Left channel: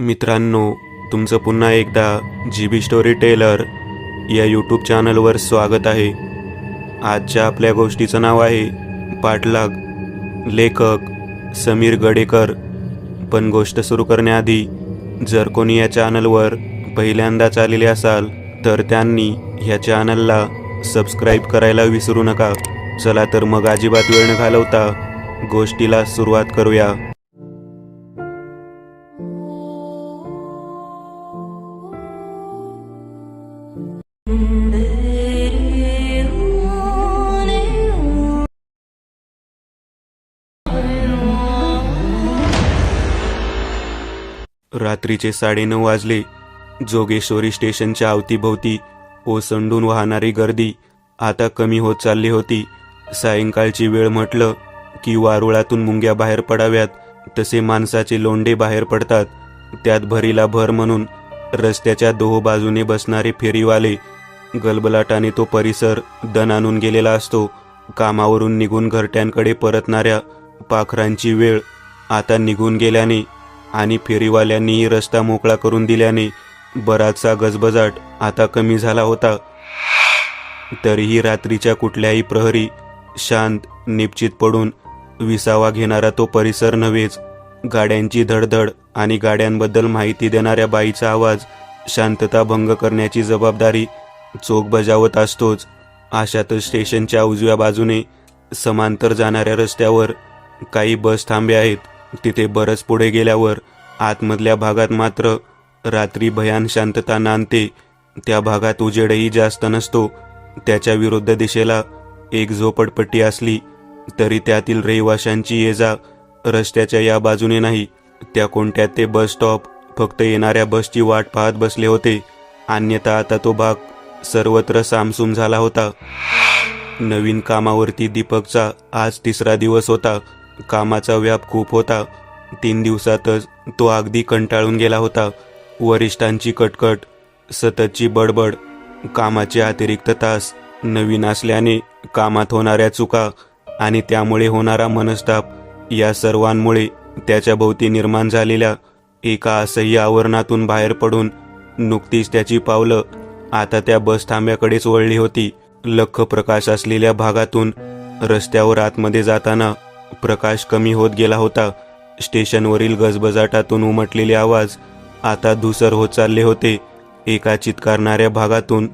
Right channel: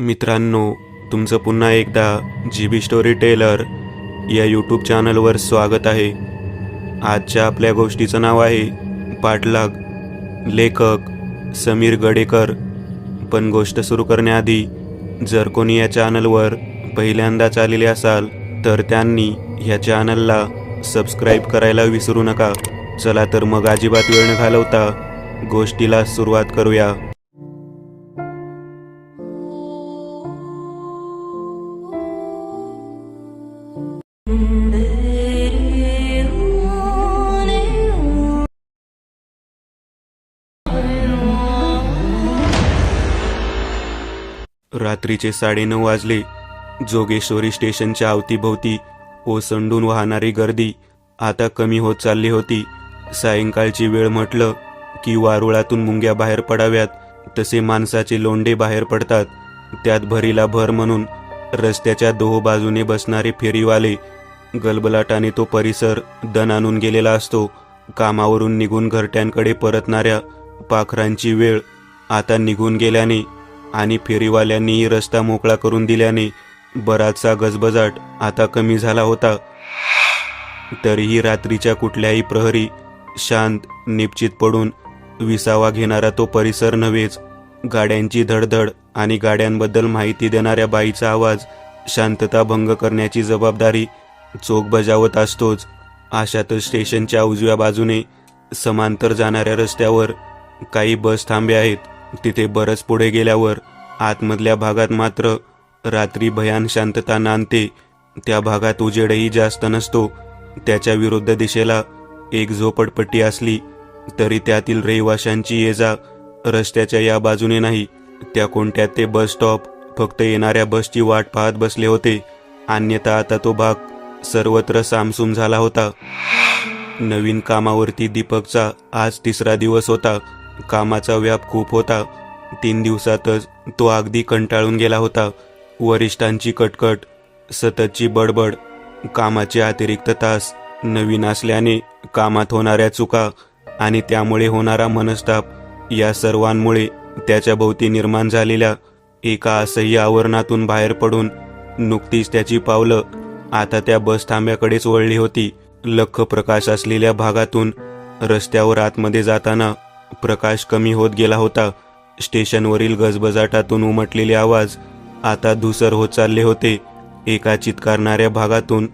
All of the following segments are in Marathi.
मित्रांनो, तुमचं पुन्हा एकदा GB स्टोरी टेलर या यूट्यूब चॅनलवर स्वागत आहे. आजच्या आपल्या गोष्टीचं नाव आहे पाठलाग. लेखक समीर गडेकर. पण गोष्ट सुरू करण्याआधी जर कोणी या चॅनलवर पहिल्यांदाच आलेले असाल तर त्यांनी ह्या चॅनलला सबस्क्राईब करायला विसरू नका. चला तर मग अजिबात वेळ न घालवता गोष्टीला सुरुवात करूया. रात्रीचे 9:30 वाजले. जोगेश्वरी स्टेशनच्या अवतीभोवती ओसंडून वाहणारी गर्दी आता कमी होत चालली होती. सायंकाळची वेळ म्हटलं की वारुळातून मुंग्या बाहेर पडाव्यात तसे माणसाचे लोंढे बाहेर पडतात. त्यात भरीला भर म्हणून रस्त्याच्या दोह बाजूने बसणारे फेरीवाले. गलबलाटाने तो परिसर दण आणून गेलेला असतो. कामावरून निघून घरट्यांकडे परतणाऱ्या पाखरांची वेळ आता निघून गेल्याने आणि फेरीवाल्यांनीही रस्ता मोकळा करून दिल्याने बराचसा गजबजाट आता कमी झाला होता. तरीही रात्रीच्या कुठल्याही प्रहरी शांत निश्चित पडून विसावा घेणारा तो परिसर नव्हेच. गाड्यांची धडधड आणि गाड्यांबद्दल माहिती देणाऱ्या बाईचा आवाज शांतता भंग करण्याची जबाबदारी चोख बजावत असतोच. अशातच स्टेशनच्या उजव्या बाजूने समांतर जाणाऱ्या रस्त्यावर काही बस थांबे आहेत. तिथे बरंच पुढे गेल्यावर आतमधल्या भागात मात्र रात्री भयान शांतता नांदते. त्या भागात उजेडही जास्त नसतो. त्याच्या विरुद्ध दिशेला एक झोपडपट्टी असली तरी त्यातील रहिवाशांची ये-जा रस्त्याच्या या बाजूने नाही. त्या कोणत्या ते बस स्टॉप फक्त येणाऱ्या बसची वाट पाहत बसले होते. अन्यथा आता तो भाग सर्वत्र सामसूम झाला होता. नवीन कामावरती दीपकचा आज 3रा दिवस होता. कामाचा व्याप खूप होता. 3 दिवसातच तो अगदी कंटाळून गेला होता. वरिष्ठांची कटकट, सततची बडबड, कामाचे अतिरिक्त तास, नवीन असल्याने कामात होणाऱ्या चुका आणि त्यामुळे होणारा मनस्ताप या सर्वांमुळे त्याच्या भोवती निर्माण झालेल्या एका असह्य आवरणातून बाहेर पडून नुकतीच त्याची पावलं आता त्या बस थांब्याकडेच वळली होती. लख्ख प्रकाश असलेल्या भागातून रस्त्यावर आतमध्ये जाताना प्रकाश कमी होत गेला होता. स्टेशनवरील गजबजाटातून उमटलेले आवाज आता धुसर होत चालले होते. एका चित्कारणाऱ्या भागातून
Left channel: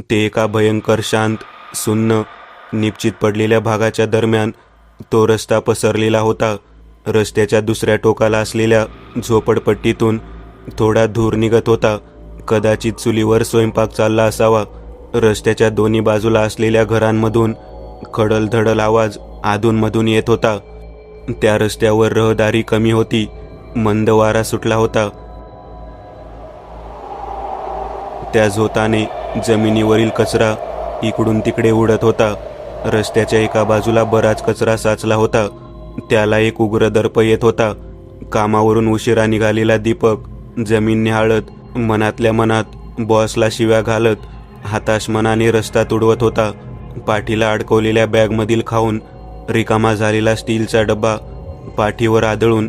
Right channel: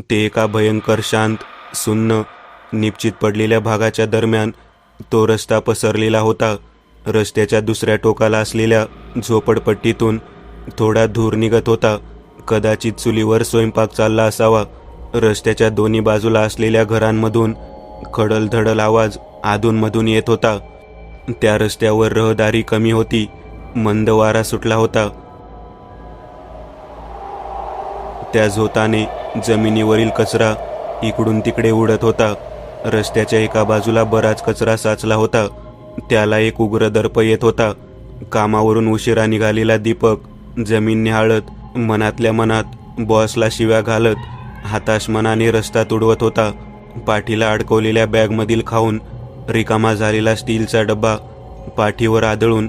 ते एका भयंकर शांत, सुन्न, निश्चित पडलेल्या भागाच्या दरम्यान तो रस्ता पसरलेला होता. रस्त्याच्या दुसऱ्या टोकाला असलेल्या झोपडपट्टीतून थोडा धूर निघत होता. कदाचित चुलीवर स्वयंपाक चालला असावा. रस्त्याच्या दोन्ही बाजूला असलेल्या घरांमधून खडलधडल आवाज अधूनमधून येत होता. त्या रस्त्यावर रहदारी कमी होती. मंद वारा सुटला होता. त्या झोताने जमिनीवरील कचरा इकडून तिकडे उडत होता. रस्त्याच्या एका बाजूला बराच कचरा साचला होता. त्याला एक उग्र दर्प येत होता. कामावरून उशिरा निघालेला दीपक जमीन निहाळत मनातल्या मनात बॉसला शिव्या घालत हताश मनाने रस्ता तुडवत होता. पाठीला अडकवलेल्या बॅगमधील खाऊन रिकामा झालेला स्टीलचा डब्बा पाठीवर आदळून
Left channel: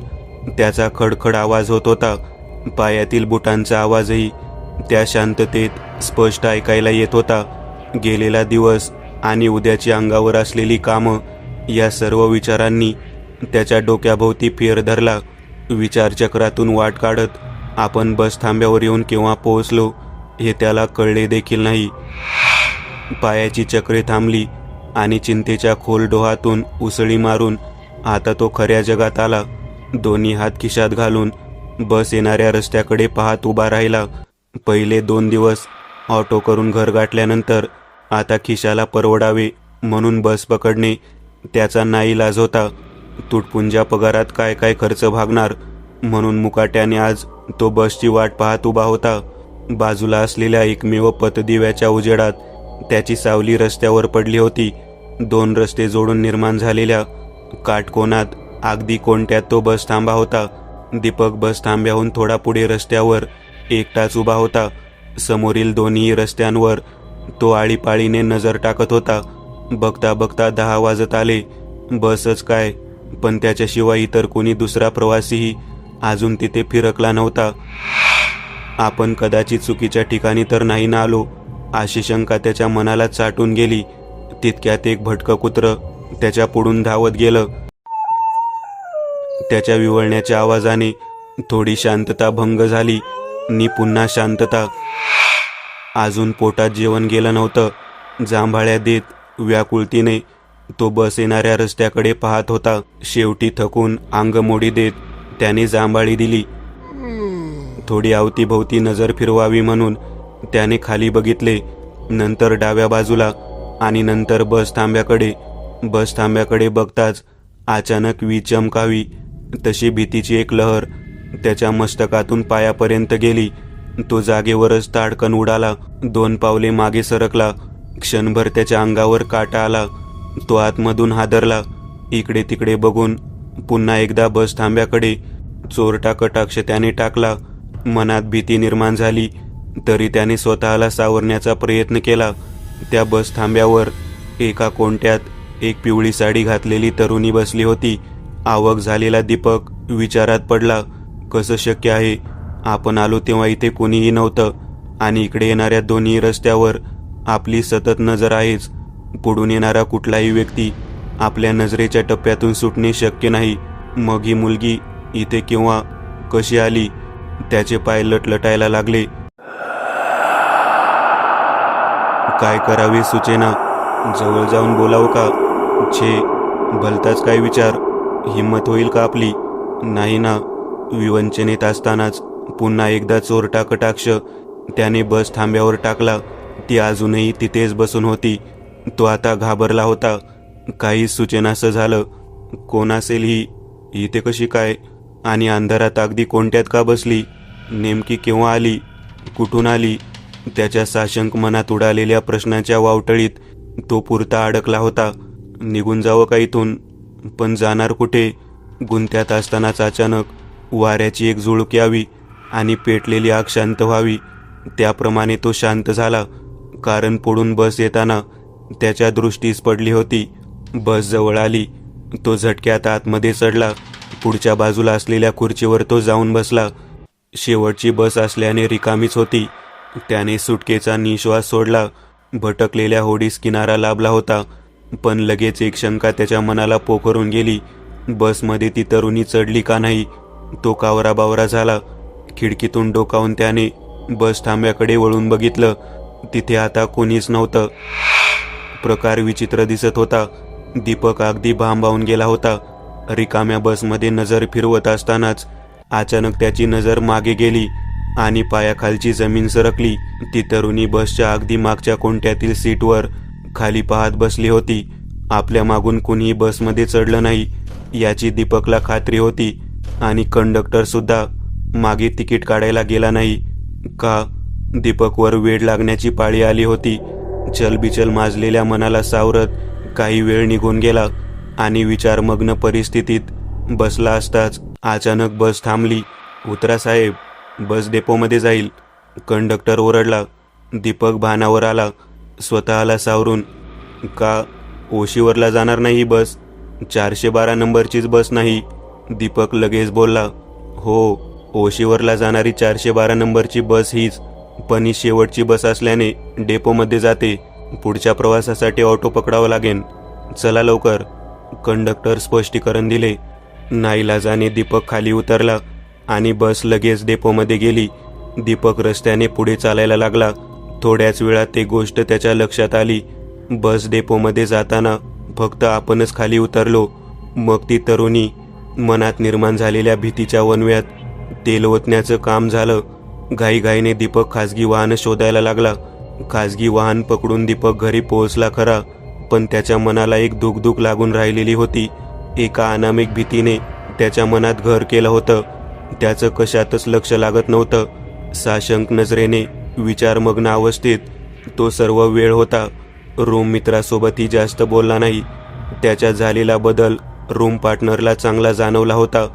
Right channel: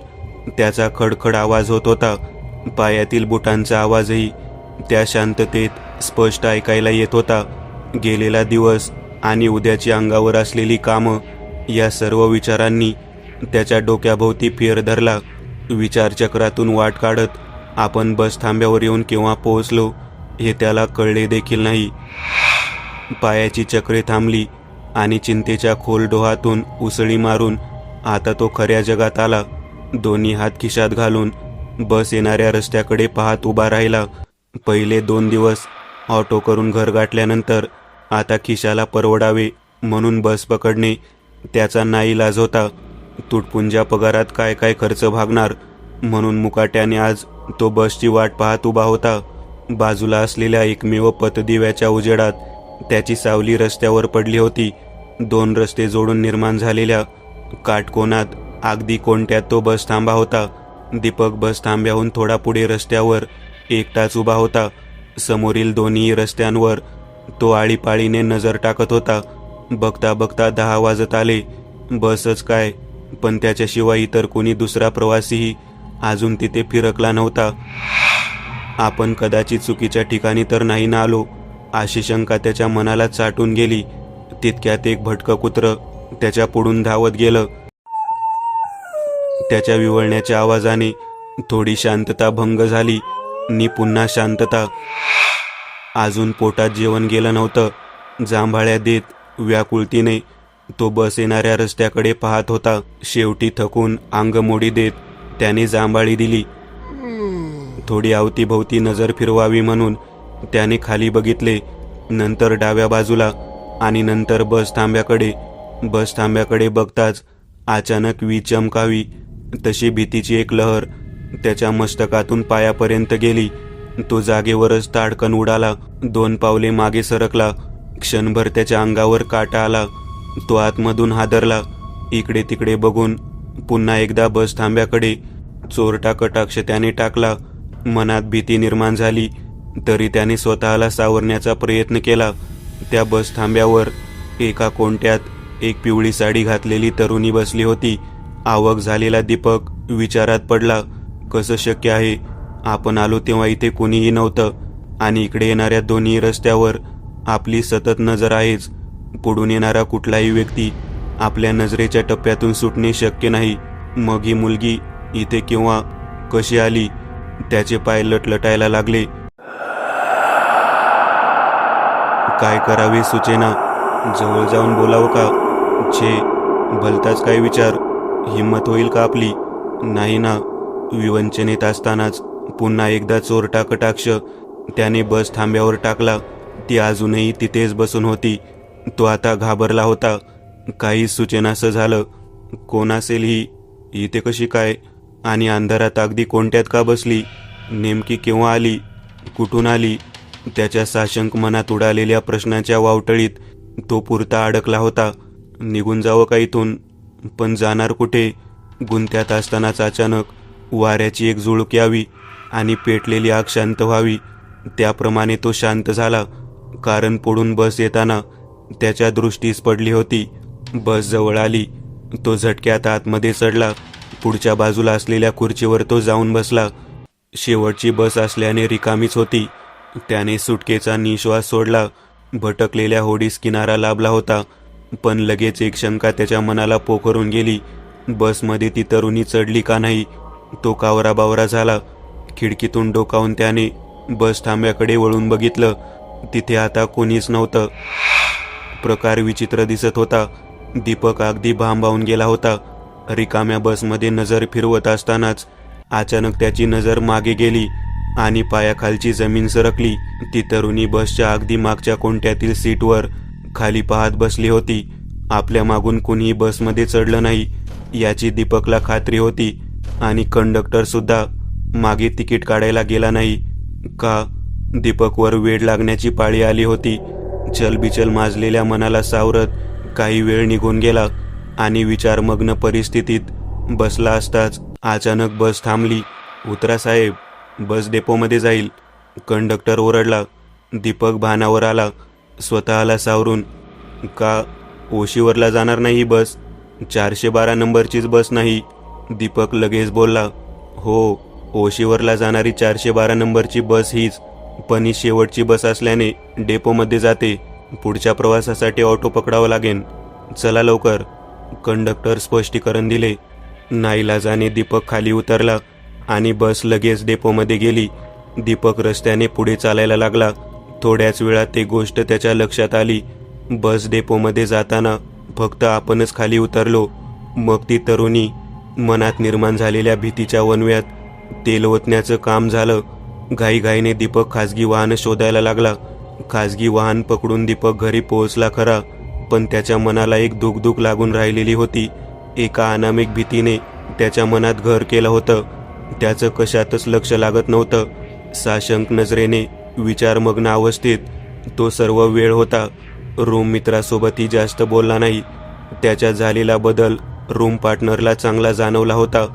त्याचा खडखड आवाज होत होता. पायातील बुटांचा आवाजही त्या शांततेत स्पष्ट ऐकायला येत होता. गेलेला दिवस आणि उद्याची अंगावर असलेली कामं या सर्व विचारांनी त्याच्या डोक्याभोवती फेर धरला. विचारचक्रातून वाट काढत आपण बस थांब्यावर येऊन केव्हा पोहोचलो हे त्याला कळले देखील नाही. पायाची चक्रे थांबली आणि चिंतेच्या खोल डोहातून उसळी मारून आता तो खऱ्या जगात आला. दोन्ही हात खिशात घालून बस येणाऱ्या रस्त्याकडे पाहत उभा राहिला. पहिले 2 दिवस ऑटो करून घर गाठल्यानंतर आता खिशाला परवडावे म्हणून बस पकडणे त्याचा नाईलाज होता. तुटपुंज्या पगारात काय काय खर्च भागणार म्हणून मुकाट्याने आज तो बसची वाट पाहत उभा होता. बाजूला असलेल्या एकमेव पथदिव्याच्या उजेडात त्याची सावली रस्त्यावर पडली होती. 2 रस्ते जोडून निर्माण झालेल्या काटकोनात अगदी कोणत्यात तो बस थांबा होता. दीपक बस थांब्याहून थोडा पुढे रस्त्यावर एकटाच उभा होता. समोरील दोन्ही रस्त्यांवर तो आळीपाळीने नजर टाकत होता. बघता बघता 10 वाजत आले. बसच काय पण त्याच्याशिवाय इतर कोणी दुसरा प्रवासीही अजून तिथे फिरकला नव्हता. आपण कदाचित चुकीच्या ठिकाणी तर नाही ना आलो, अशी शंका त्याच्या मनाला चाटून गेली. तितक्यात एक भटकं कुत्रं त्याच्या पुढून धावत गेलं. त्याच्या विवळण्याच्या आवाजाने थोडी शांतता भंग झाली नि पुन्हा शांतता. अजून पोटात जेवण गेलं नव्हतं. जांभाळ्या देत व्याकुळतीने तो बस येणाऱ्या रस्त्याकडे पाहत होता. शेवटी थकून अंगमोडी देत त्याने जांभाळी दिली. थोडी अवतीभोवती नजर फिरवावी म्हणून त्याने खाली बघितले, नंतर डाव्या बाजूला आणि नंतर बस थांब्याकडे बघताच अचानक वीज चमकावी तशी भीतीची एक लहर त्याच्या मस्तकातून पायापर्यंत गेली. तो जागेवरच ताडकन उडाला. 2 पावले मागे सरकला. क्षणभर त्याच्या अंगावर काटा आला. तो आतमधून हादरला. इकडे तिकडे बघून पुन्हा एकदा बस थांब्याकडे चोरटा कटाक्ष त्याने टाकला. मनात भीती निर्माण झाली तरी त्याने स्वतःला सावरण्याचा प्रयत्न केला. त्या बस थांब्यावर एका कोणत्यात एक पिवळी साडी घातलेली तरुणी बसली होती. आवक झालेला दीपक विचारात पडला. कसं शक्य आहे? आपण आलो तेव्हा इथे कोणीही नव्हतं आणि इकडे येणाऱ्या दोन्ही रस्त्यावर आपली सतत नजर आहेच. पुढून येणारा कुठलाही व्यक्ती आपल्या नजरेच्या टप्प्यातून सुटणे शक्य नाही. मग ही मुलगी इथे केव्हा कशी आली? त्याचे पाय लटलटायला लागले. काय करावे सुचेना. जवळ जाऊन बोलावं का? छे, भलताच काय विचार. हिम्मत होईल का आपली? नाही ना. विवंचनेत असतानाच पुन्हा एकदा चोरटा कटाक्ष त्याने बस थांब्यावर टाकला. ती अजूनही तिथेच बसून होती. तो आता घाबरला होता. काही सुचेनासं झालं. कोण असेल ही? इथे कशी काय? आणि अंधारात अगदी कोणत्यात का बसली? नेमकी केव्हा आली? कुठून आली? त्याच्या साशंक मनात उडालेल्या प्रश्नाच्या वावटळीत तो पुरता अडकला होता. निघून जावं का इथून? पण जाणार कुठे? गुंत्यात असतानाच अचानक वाऱ्याची एक झुळूक यावी आणि पेटलेली आग शांत व्हावी. त्याप्रमाणे तो शांत झाला. कारण पुढून बस येताना त्याच्या दृष्टीस पडली होती. बस जवळ आली. तो झटक्यात आतमध्ये चढला. पुढच्या बाजूला असलेल्या खुर्चीवर तो जाऊन बसला. शेवटची बस असल्याने रिकामीच होती. त्याने सुटकेचा निश्वास सोडला. भटकलेल्या होडीस किनारा लाभला होता. पण लगेच एक शंका त्याच्या मनाला पोखरून गेली. बसमध्ये ती तरुणी चढली का नाही? तो कावराबावरा झाला. खिडकीतून डोकावून त्याने बस थांब्याकडे वळून बघितलं. तिथे आता कोणीच नव्हतं. प्रकार विचित्र दिसत होता. दीपक अगदी भांबावून गेला होता. रिकाम्या बसमध्ये नजर फिरवत असतानाच अचानक त्याची नजर मागे गेली आणि पायाखालची जमीन सरकली. ती तरुणी बसच्या अगदी मागच्या कोणत्यातील सीटवर खाली पाहत बसली होती. आपल्या मागून कुणीही बसमध्ये चढलं नाही याची दीपकला खात्री होती. आणि कंडक्टर सुद्धा मागे तिकीट काढायला गेला नाही. का? दीपकवर वेड लागण्याची पाळी आली होती. चलबिचल माजलेल्या मनाला सावरत काही वेळ निघून गेला आणि विचारमग्न परिस्थितीत बसला असताच अचानक बस थांबली. उतरा साहेब, बस डेपोमध्ये जाईल. कंडक्टर ओरडला. दीपक भानावर आला. स्वतःला सावरून, का? ओशीवरला जाणार नाही ही बस? 412 नंबरचीच बस नाही. दीपक लगेच बोलला. हो, ओशीवरला जाणारी 412 नंबरची बस हीच. पण ही शेवटची बस असल्याने डेपोमध्ये जाते. पुढच्या प्रवासासाठी ऑटो पकडावं लागेल. चला लवकर. कंडक्टर स्पष्टीकरण दिले. नाईलाजाने दीपक खाली उतरला आणि बस लगेच डेपोमध्ये गेली. दीपक रस्त्याने पुढे चालायला लागला. थोड्याच वेळात एक गोष्ट त्याच्या लक्षात आली. बस डेपोमध्ये जाताना फक्त आपणच खाली उतरलो. मग ती तरुणी मनात निर्माण झालेल्या भीतीच्या वणव्यात तेल ओतण्याचं काम झालं. घाईघाईने दीपक खासगी वाहन शोधायला लागला. खासगी वाहन पकडून दीपक घरी पोहोचला खरा, पण त्याच्या मनाला एक दुखदुख लागून राहिलेली होती. एका अनामिक भीतीने त्याच्या मनात घर केलं होतं. त्याचं कशातच लक्ष लागत नव्हतं. साशंक नजरेने विचारमग्न अवस्थेत तो सर्व वेळ होता. रूम मित्रासोबतही जास्त बोलला नाही. त्याच्यात झालेला बदल रूम पार्टनरला चांगला जाणवला होता,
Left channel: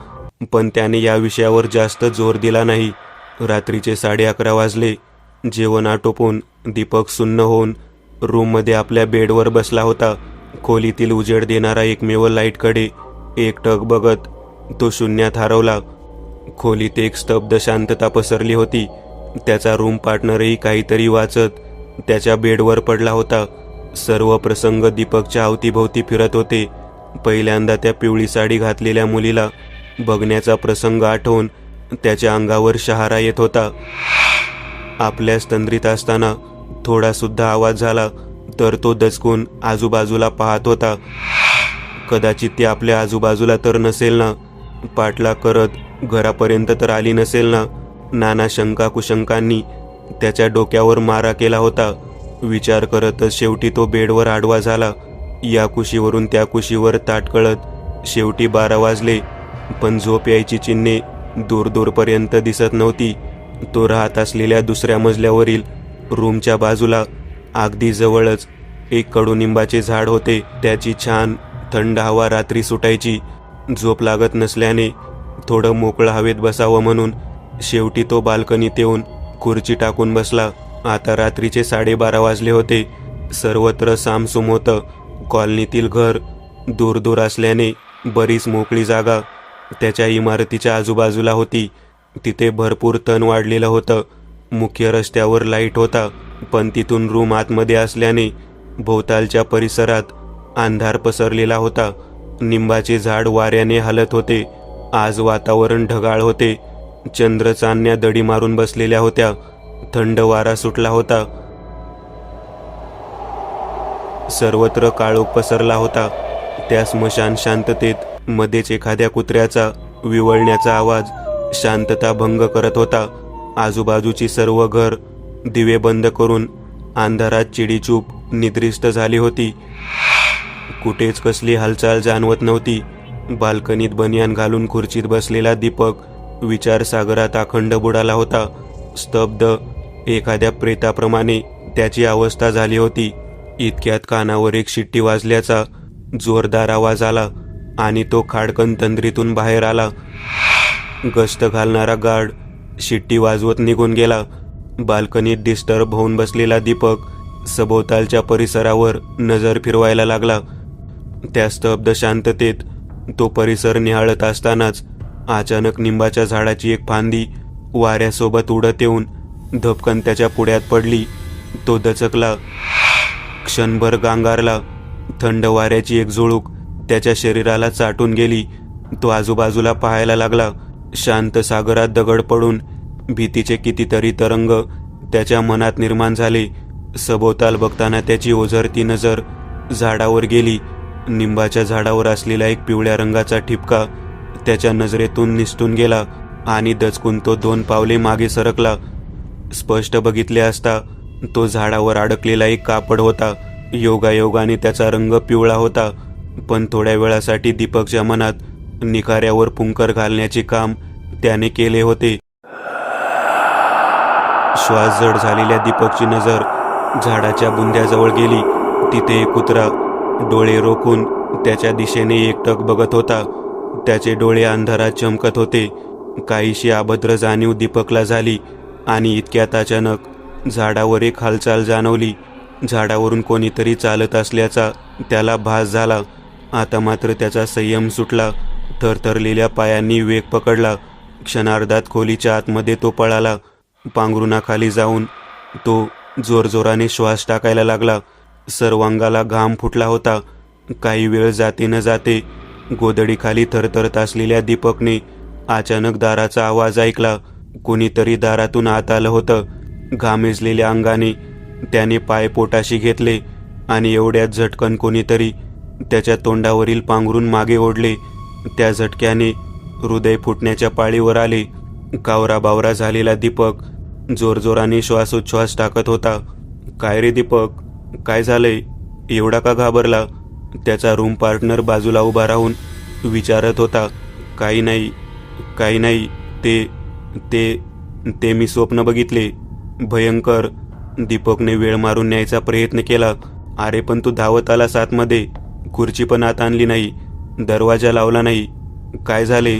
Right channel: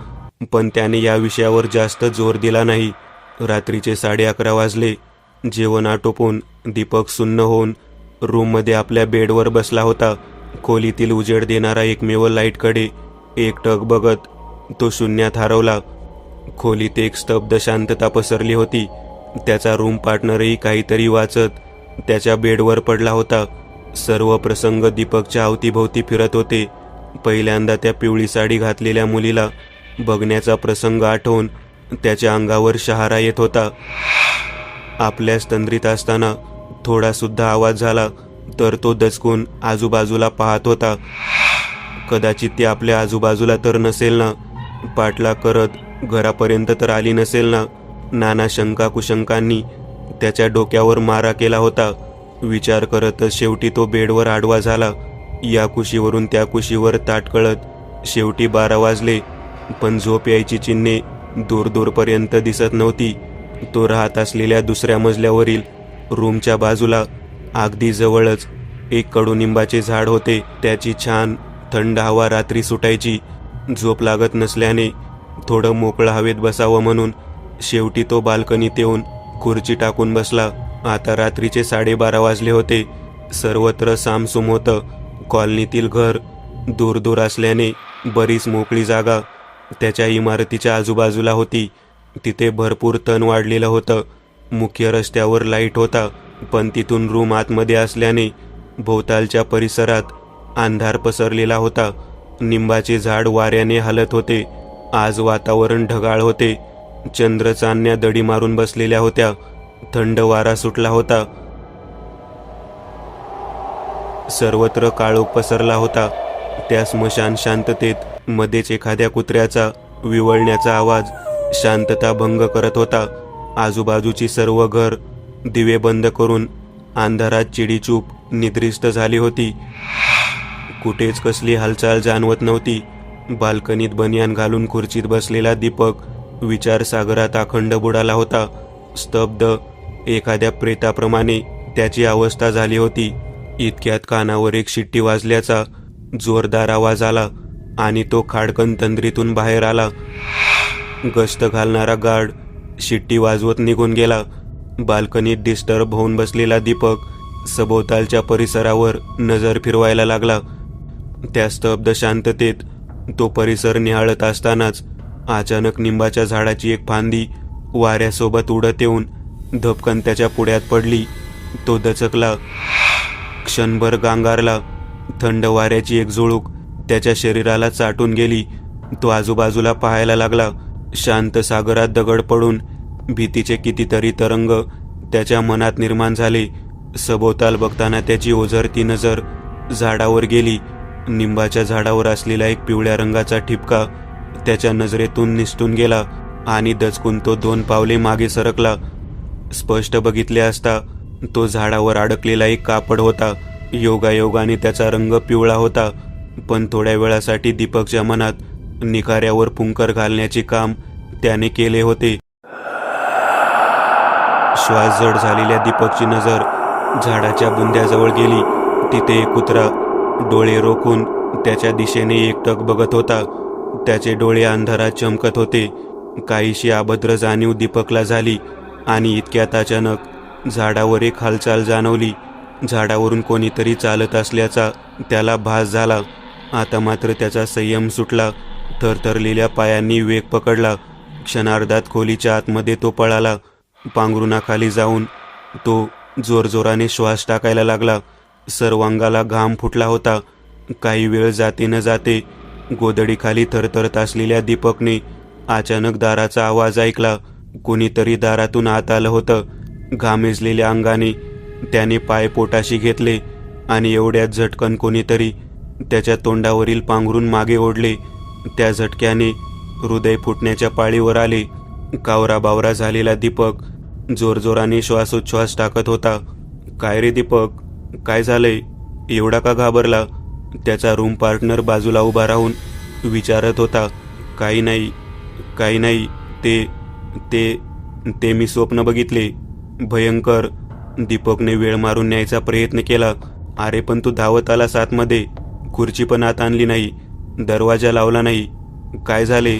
पण त्याने या विषयावर जास्त जोर दिला नाही. रात्रीचे 11:30 वाजले. जेवण आटोपून दीपक सुन्न होऊन रूममध्ये आपल्या बेडवर बसला होता. खोलीतील उजेड देणारा एकमेव लाईटकडे एकटक बघत तो शून्यात हरवला. खोलीत एक स्तब्ध शांतता पसरली होती. त्याचा रूम पार्टनरही काहीतरी वाचत त्याच्या बेडवर पडला होता. सर्व प्रसंग दीपकच्या अवतीभोवती फिरत होते. पहिल्यांदा त्या पिवळी साडी घातलेल्या मुलीला बघण्याचा प्रसंग आठवून त्याच्या अंगावर शहारा येत होता. आपल्या तंद्रीत असताना थोडा सुद्धा आवाज झाला तर तो दचकून आजूबाजूला पाहत होता. कदाचित ती आपल्या आजूबाजूला तर नसेल ना, पाठलाग करत घरापर्यंत तर आली नसेल ना. नाना शंका कुशंकांनी त्याच्या डोक्यावर मारा केला होता. विचार करतच शेवटी तो बेडवर आडवा झाला. या कुशीवरून त्या कुशीवर ताटकळत शेवटी 12 वाजले. पण झोप यायची चिन्हे दूर दूरपर्यंत दिसत नव्हती. तो राहत असलेल्या दुसऱ्या मजल्यावरील रूमच्या बाजूला अगदी जवळच एक कडुनिंबाचे झाड होते. त्याची छान थंड हवा रात्री सुटायची. झोप लागत नसल्याने थोडं मोकळं हवेत बसावं म्हणून शेवटी तो बाल्कनीत येऊन खुर्ची टाकून बसला. आता रात्रीचे 12:30 वाजले होते. सर्वत्र सामसूम होतं. कॉलनीतील घर दूर दूर असल्याने बरीच मोकळी जागा त्याच्या इमारतीच्या आजूबाजूला होती. तिथे भरपूर तण वाढलेलं होतं. मुख्य रस्त्यावर लाईट होता, पण तिथून रूम आतमध्ये असल्याने भोवतालच्या परिसरात अंधार पसरलेला होता. निंबाचे झाड वाऱ्याने हलत होते. आज वातावरण ढगाळ होते. चंद्र चांदण्या दडी मारून बसलेल्या होत्या. थंड वारा सुटला होता. सर्वत्र काळोख पसरला होता. त्या स्मशान शांततेत मध्येच एखाद्या कुत्र्याचा विवळण्याचा आवाज शांतता भंग करत होता. आजूबाजूची सर्व घर दिवे बंद करून अंधारात चिडीचूप निद्रिस्त झाली होती. कुठेच कसली हालचाल जाणवत नव्हती. बाल्कनीत बनियान घालून खुर्चीत बसलेला दीपक विचारसागरात अखंड बुडाला होता. स्तब्ध, एखाद्या प्रेताप्रमाणे त्याची अवस्था झाली होती. इतक्यात कानावर एक शिट्टी वाजल्याचा जोरदार आवाज आला आणि तो खाडकन तंद्रीतून बाहेर आला. गस्त घालणारा गार्ड शिट्टी वाजवत निघून गेला. बाल्कनीत डिस्टर्ब होऊन बसलेला दीपक सभोवतालच्या परिसरावर नजर फिरवायला लागला. त्या स्तब्ध शांततेत तो परिसर निहाळत असतानाच अचानक निंबाच्या झाडाची एक फांदी वाऱ्यासोबत उडत येऊन धपकन त्याच्या पुढ्यात पडली. तो दचकला, क्षणभर गांगारला. थंड वाऱ्याची एक झुळूक त्याच्या शरीराला चाटून गेली. तो आजूबाजूला पाहायला लागला. शांत सागरात दगड पडून भीतीचे कितीतरी तरंग त्याच्या मनात निर्माण झाले. सभोवताल बघताना त्याची ओझरती नजर झाडावर गेली. निंबाच्या झाडावर असलेला एक पिवळ्या रंगाचा ठिपका त्याच्या नजरेतून निसटून गेला आणि दचकून तो 2 पावले मागे सरकला. स्पष्ट बघितले असता तो झाडावर अडकलेला एक कापड होता. योगायोगाने त्याचा रंग पिवळा होता, पण थोड्या वेळासाठी दीपकच्या मनात निखाऱ्यावर पुंकर घालण्याचे काम त्याने केले होते. श्वास जड झालेल्या दीपकची नजर झाडाच्या बुंद्याजवळ गेली. तिथे एक कुत्रा डोळे रोखून त्याच्या दिशेने एकटक बघत होता. त्याचे डोळे अंधारात चमकत होते. काहीशी अभद्र जाणीव दीपकला झाली आणि इतक्यात अचानक झाडावर एक हालचाल जाणवली. झाडावरून कोणीतरी चालत असल्याचा त्याला भास झाला. आता मात्र त्याचा संयम सुटला. थरथरलेल्या पायांनी वेग पकडला. क्षणार्धात खोलीच्या आतमध्ये तो पळाला. पांघरुणाखाली जाऊन तो जोरजोराने श्वास टाकायला लागला. सर्वांगाला घाम फुटला होता. काही वेळ जाते न जाते गोदडीखाली थरथरत असलेल्या दीपकने अचानक दाराचा आवाज ऐकला. कोणीतरी दारातून आत आलं होतं. घामेजलेल्या अंगाने त्याने पाय पोटाशी घेतले आणि एवढ्यात झटकन कोणीतरी त्याच्या तोंडावरील पांघरून मागे ओढले. त्या झटक्याने हृदय फुटण्याच्या पाळीवर आले. कावराबावरा झालेला दीपक जोरजोराने श्वासोच्छ्वास टाकत होता. काय रे दीपक, काय झालंय? एवढा का घाबरला? त्याचा रूम पार्टनर बाजूला उभा राहून विचारत होता. काही नाही, ते मी स्वप्न बघितले, भयंकर. दीपकने वेळ मारून न्यायचा प्रयत्न केला. अरे पण तू धावत आलास आतमध्ये. खुर्ची पण आत आणली नाही, दरवाजा लावला नाही. काय झाले?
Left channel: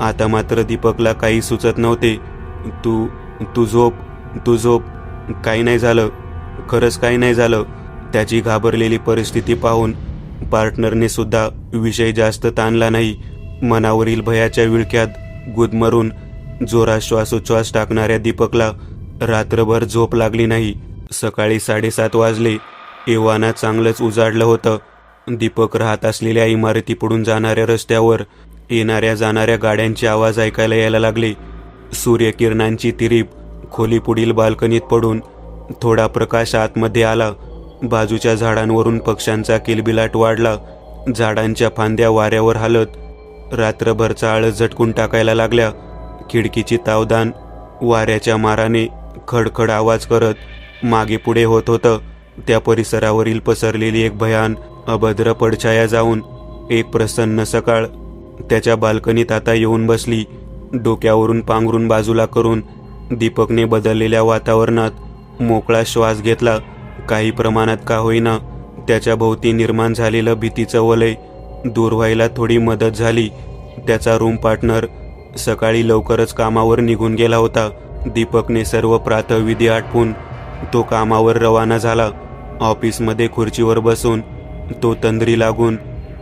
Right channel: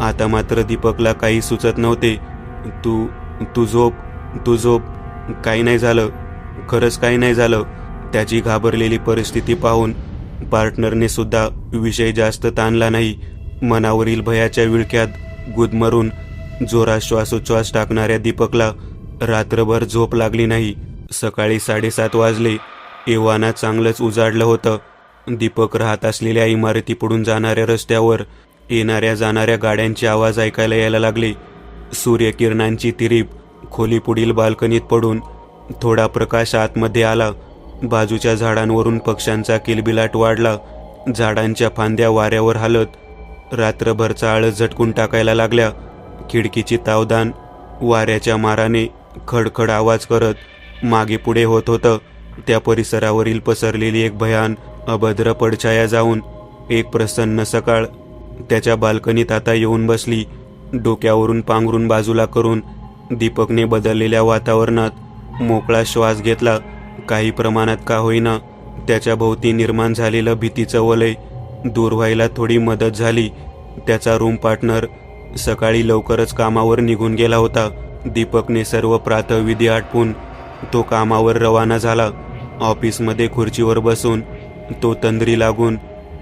आता मात्र दीपकला काही सुचत नव्हते. तू झोप. काही नाही झालं, खरंच काही नाही झालं. त्याची घाबरलेली परिस्थिती पाहून पार्टनरने सुद्धा विषय जास्त ताणला नाही. मनावरील भयाच्या विळख्यात गुदमरून जोरात श्वासोच्छ्वास टाकणाऱ्या दीपकला रात्रभर झोप लागली नाही. सकाळी 7:30 वाजले. एव्हाना चांगलंच उजाडलं होतं. दीपक राहत असलेल्या इमारतीपुढून जाणाऱ्या रस्त्यावर येणाऱ्या जाणाऱ्या गाड्यांचे आवाज ऐकायला यायला लागले. सूर्यकिरणांची तिरीप खोलीपुढील बाल्कनीत पडून थोडा प्रकाश आतमध्ये आला. बाजूच्या झाडांवरून पक्ष्यांचा किलबिलाट वाढला. झाडांच्या फांद्या वाऱ्यावर हालत रात्रभरचा आळस झटकून टाकायला लागल्या. खिडकीची तावदान वाऱ्याच्या माराने खडखड आवाज करत मागे पुढे होत होतं. त्या परिसरावरील पसरलेली एक भयान अभद्र पडछाया जाऊन एक प्रसन्न सकाळ त्याच्या बाल्कनीत आता येऊन बसली. डोक्यावरून पांघरून बाजूला करून दीपकने बदललेल्या वातावरणात मोकळा श्वास घेतला. काही प्रमाणात का होईना त्याच्या भोवती निर्माण झालेलं भीतीचं वलय दूर व्हायला थोडी मदत झाली. त्याचा रूम पार्टनर सकाळी लवकरच कामावर निघून गेला होता. दीपकने सर्व प्रातःविधी आटपून तो कामावर रवाना झाला. ऑफिसमध्ये खुर्चीवर बसून तो तंद्री लागून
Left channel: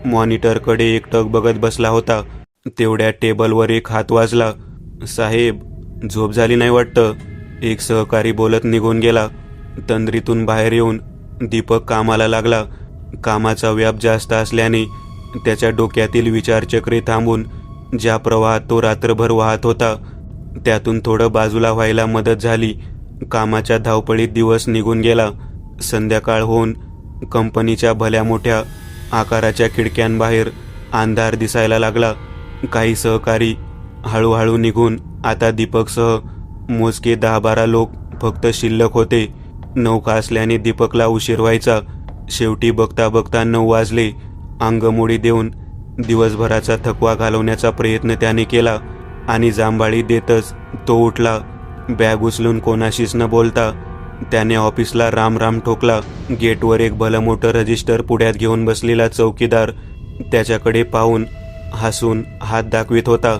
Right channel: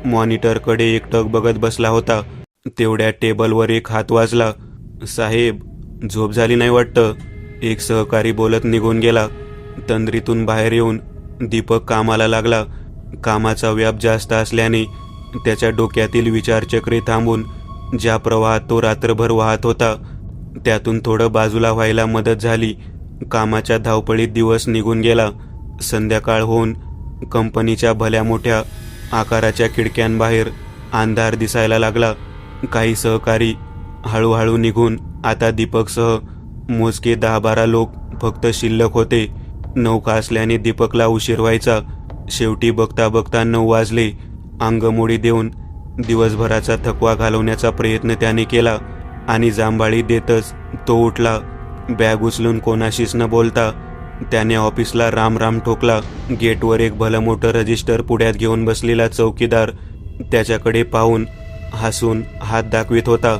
मॉनिटरकडे एकटक बघत बसला होता. तेवढ्या टेबलवर एक हात वाजला. साहेब, झोप झाली नाही वाटतं, एक सहकारी बोलत निघून गेला. तंद्रीतून बाहेर येऊन दीपक कामाला लागला. कामाचा व्याप जास्त असल्याने त्याच्या डोक्यातील विचारचक्रे थांबून ज्या प्रवाहात तो रात्रभर वाहत होता त्यातून थोडं बाजूला व्हायला मदत झाली. कामाच्या धावपळीत दिवस निघून गेला. संध्याकाळ होऊन कंपनीच्या भल्या मोठ्या आकाराच्या खिडक्यांबाहेर अंधार दिसायला लागला. काही सहकारी हळूहळू निघून आता दीपकसह मोजके 10-12 लोक फक्त शिल्लक होते. नौका असल्याने दीपकला उशीर व्हायचा. शेवटी बघता बघता 9 वाजले. अंगमोडी देऊन दिवसभराचा थकवा घालवण्याचा प्रयत्न त्याने केला आणि जांभाळी देतच तो उठला. बॅग उचलून कोणाशीच न बोलता त्याने ऑफिसला राम ठोकला. गेटवर एक भलं मोठं रजिस्टर पुढ्यात घेऊन बसलेला चौकीदार त्याच्याकडे पाहून हसून हात दाखवित होता.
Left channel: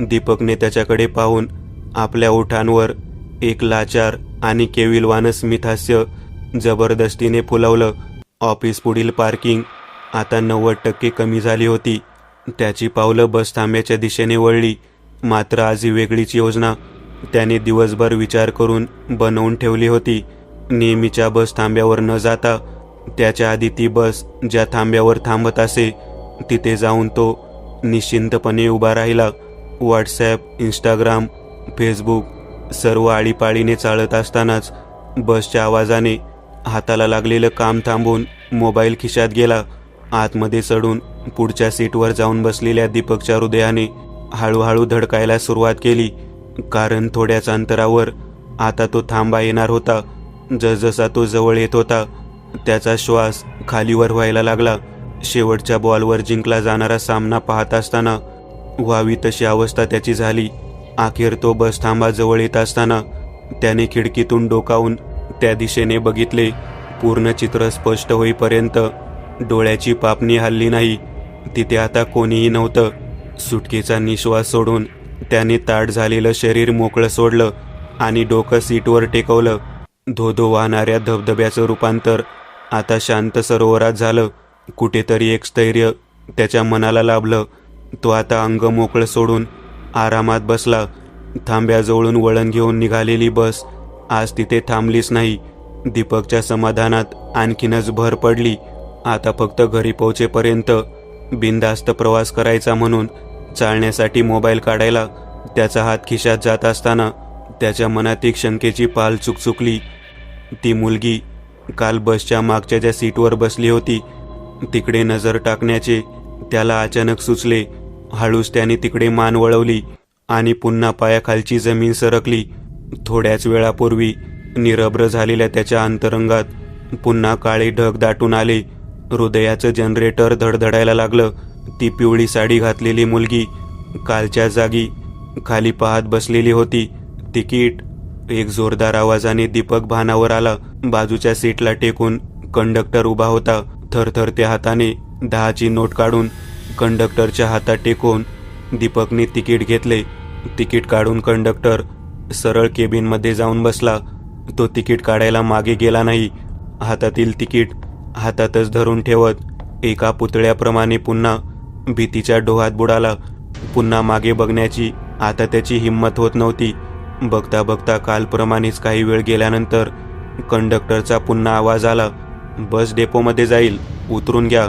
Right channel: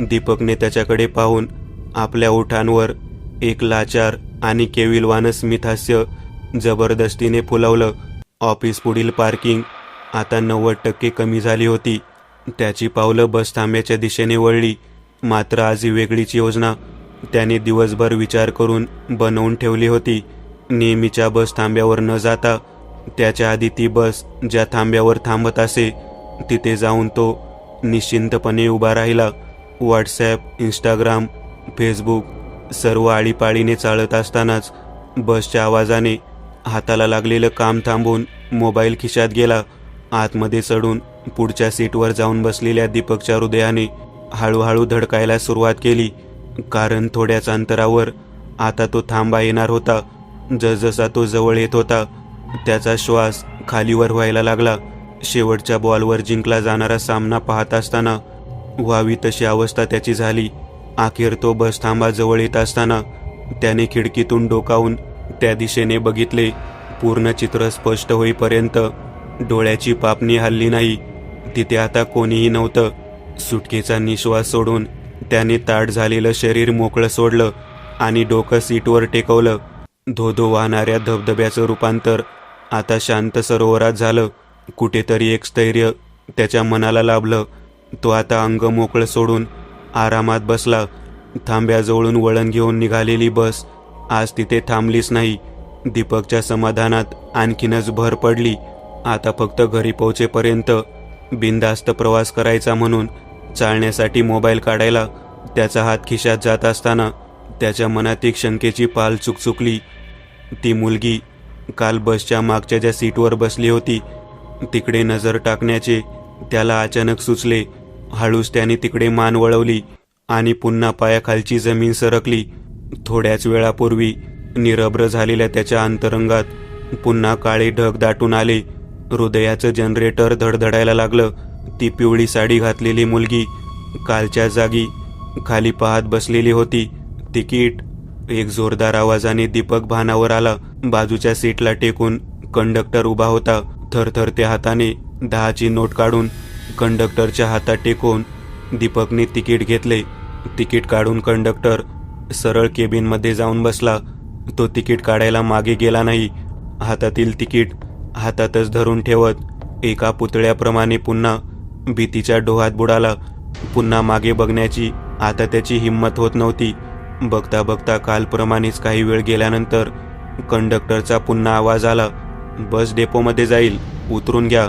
दीपकने त्याच्याकडे पाहून आपल्या ओठांवर एक लाचार आणि केविलवान स्मितहास्य जबरदस्तीने फुलवलं. ऑफिस पुढील पार्किंग आता 90% कमी झाली होती. त्याची पावलं बस थांब्याच्या दिशेने वळली. मात्र आज ही वेगळीच योजना त्याने दिवसभर विचार करून बनवून ठेवली होती. नेहमीच्या बस थांब्यावर न जाता त्याच्या आधी ती बस ज्या थांब्यावर थांबत असे तिथे जाऊन तो निश्चिंतपणे उभा राहिला. व्हॉट्सॲप, इंस्टाग्राम, फेसबुक सर्व आळीपाळीने चालत असतानाच बसच्या आवाजाने हाताला लागलेलं काम थांबून मोबाईल खिशात गेला. आतमध्ये चढून पुढच्या सीटवर जाऊन बसलेल्या दीपकच्या हृदयाने हळूहळू धडकायला सुरुवात केली. कारण थोड्याच अंतरावर आता तो थांबा येणार होता. जसजसा तो जवळ येत होता त्याचा श्वास खालीवर व्हायला लागला. शेवटच्या बॉलवर जिंकला जाणारा सामना पाहत असताना व्हावी तशी अवस्था त्याची झाली. अखेर तो बस थांबा जवळ येत असताना त्याने खिडकीतून डोकावून त्या दिशेने बघितले. पूर्ण चित्र स्पष्ट होईपर्यंत डोळ्याची पापणी हलली नाही. तिथे आता कोणीही नव्हतं. सुटकेचा निश्वास सोडून त्याने ताठ झालेलं शरीर मोकळं सोडलं आणि डोकं सीटवर टेकवलं. धोधो वाहणाऱ्या धबधब्याचं रूपांतर आता शांत सरोवरात झालं. कुठेतरी एक स्थैर्य त्याच्या मनाला लाभलं. तो आता अंग मोकळं सोडून आरामात बसला. थांब्याजवळून वळण घेऊन निघालेली बस आज तिथे थांबलीच नाही. दीपकच्या समाधानात आणखीनच भर पडली. आता फक्त घरी पोहोचेपर्यंत बिनधास्त प्रवास करायचा म्हणून चालण्यासाठी मोबाईल काढायला त्याचा हात खिशात जात असताना त्याच्या मनात एक शंकेची पाल चुकचुकली. ती मुलगी काल बसच्या मागच्या ज्या सीटवर बसली होती तिकडे नजर टाकण्याचे त्याला अचानक सुचले. हळूच त्याने तिकडे मान वळवली आणि पुन्हा पायाखालची जमीन सरकली. थोड्याच वेळापूर्वी निरभ्र झालेल्या त्याच्या अंतरंगात पुन्हा काळे ढग दाटून आले. हृदयाचं जनरेटर धडधडायला लागलं. ती पिवळी साडी घातलेली मुलगी कालच्या जागी खाली पाहत बसलेली होती. तिकीट! एक जोरदार आवाजाने दीपक भानावर आला. बाजूच्या सीटला टेकून कंडक्टर उभा होता. थरथरत्या हाताने 10ची नोट काढून कंडक्टरच्या हातात टेकून दीपकने तिकीट घेतले. तिकीट काढून कंडक्टर सरळ केबिनमध्ये जाऊन बसला. तो तिकीट काढायला मागे गेला नाही. हातातील तिकीट हातातच धरून ठेवत एका पुतळ्याप्रमाणे पुन्हा भीतीच्या डोहात बुडाला. पुन्हा मागे बघण्याची आता त्याची हिंमत होत नव्हती. बघता बघता कालप्रमाणेच काही वेळ गेल्यानंतर कंडक्टरचा पुन्हा आवाज आला, बस डेपोमध्ये जाईल, उतरून घ्या.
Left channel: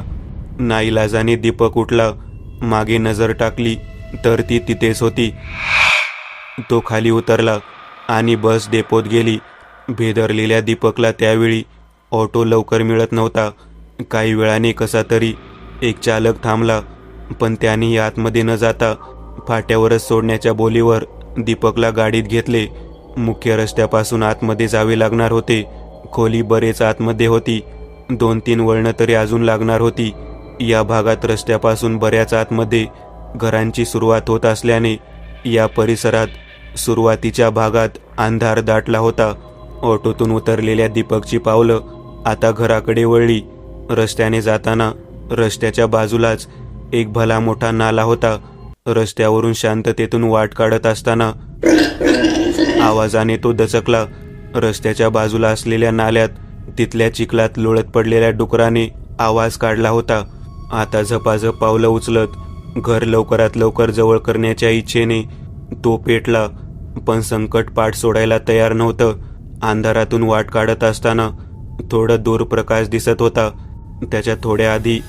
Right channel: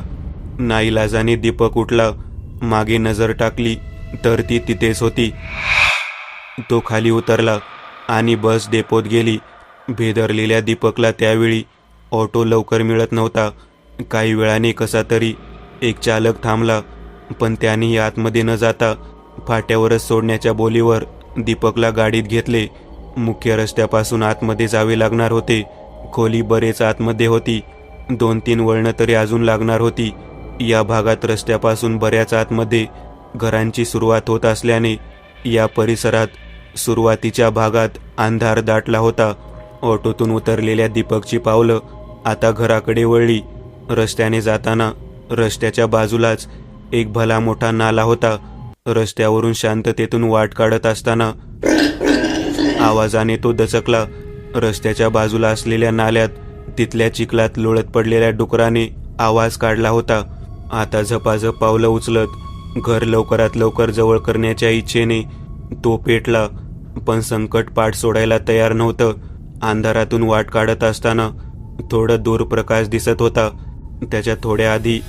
नाईलाजाने दीपक उठला. मागे नजर टाकली तर ती तिथेच होती. तो खाली उतरला आणि बस डेपोत गेली. भेदरलेल्या दीपकला त्यावेळी ऑटो लवकर मिळत नव्हता. काही वेळाने कसा तरी एक चालक थांबला, पण त्यानेही आतमध्ये न जाता फाट्यावरच सोडण्याच्या बोलीवर दीपकला गाडीत घेतले. मुख्य रस्त्यापासून आतमध्ये जावे लागणार होते. खोली बरेच आतमध्ये होती. 2-3 वळणं तरी अजून लागणार होती. या भागात रस्त्यापासून बऱ्याच आतमध्ये घरांची सुरुवात होत असल्याने या परिसरात सुरुवातीच्या भागात अंधार दाटला होता. ऑटोतून उतरलेल्या दीपकची पावलं आता घराकडे वळली. रस्त्याने जाताना रस्त्याच्या बाजूलाच एक भला मोठा नाला होता. रस्त्यावरून शांततेतून वाट काढत असताना आवाजाने तो दचकला. रस्त्याच्या बाजूला असलेल्या नाल्यात तिथल्या चिखलात लोळत पडलेल्या डुकराने आवाज काढला होता. आता झपाझप पावलं उचलत घर लवकरात लवकर जवळ करण्याच्या इच्छेने तो पेटला, पण संकट पाठ सोडायला तयार नव्हतं. अंधारातून वाट काढत असताना थोडं दूर प्रकाश दिसत होता. त्याच्या थोड्या आधी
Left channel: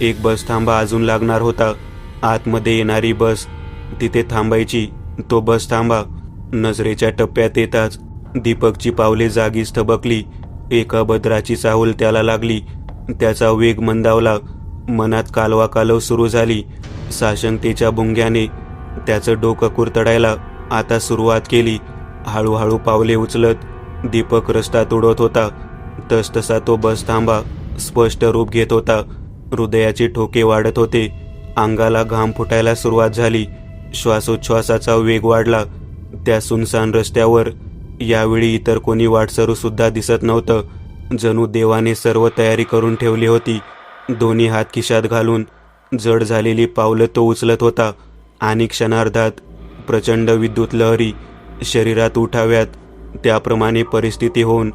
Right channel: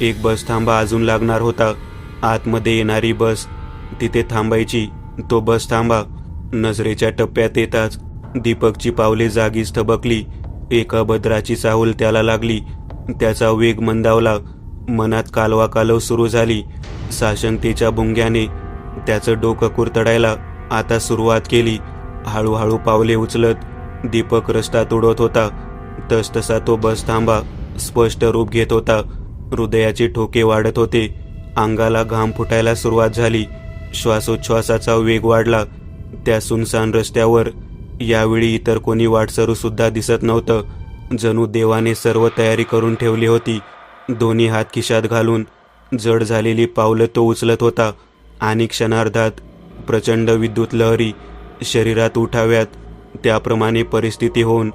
एक बस थांबा अजून लागणार होता. आतमध्ये येणारी बस तिथे थांबायची. तो बस थांबा नजरेच्या टप्प्यात येताच दीपकची पावले जागीच थबकली. एका बदराची चाहूल त्याला लागली. त्याचा वेग मंदावला. मनात कालवाकालव सुरू झाली. साशंकतेच्या भुंग्याने त्याचं डोकं कुरतडायला आता सुरुवात केली. हळूहळू पावले उचलत दीपक रस्त्यात उडत होता. तसतसा तो बस थांबा स्पष्ट रूप घेत होता. हृदयाचे ठोके वाढत होते. अंगाला घाम फुटायला सुरुवात झाली. श्वासोच्छ्वासाचा वेग वाढला. त्या सुनसान रस्त्यावर यावेळी इतर कोणी वाटसरू सुद्धा दिसत नव्हतं. जणू देवाने सर्व तयारी करून ठेवली होती. दोन्ही हात खिशात घालून जड झालेली पावलं तो उचलत होता आणि क्षणार्धात प्रचंड विद्युत लहरी शरीरात उठाव्यात त्याप्रमाणे परिस्थिती होऊन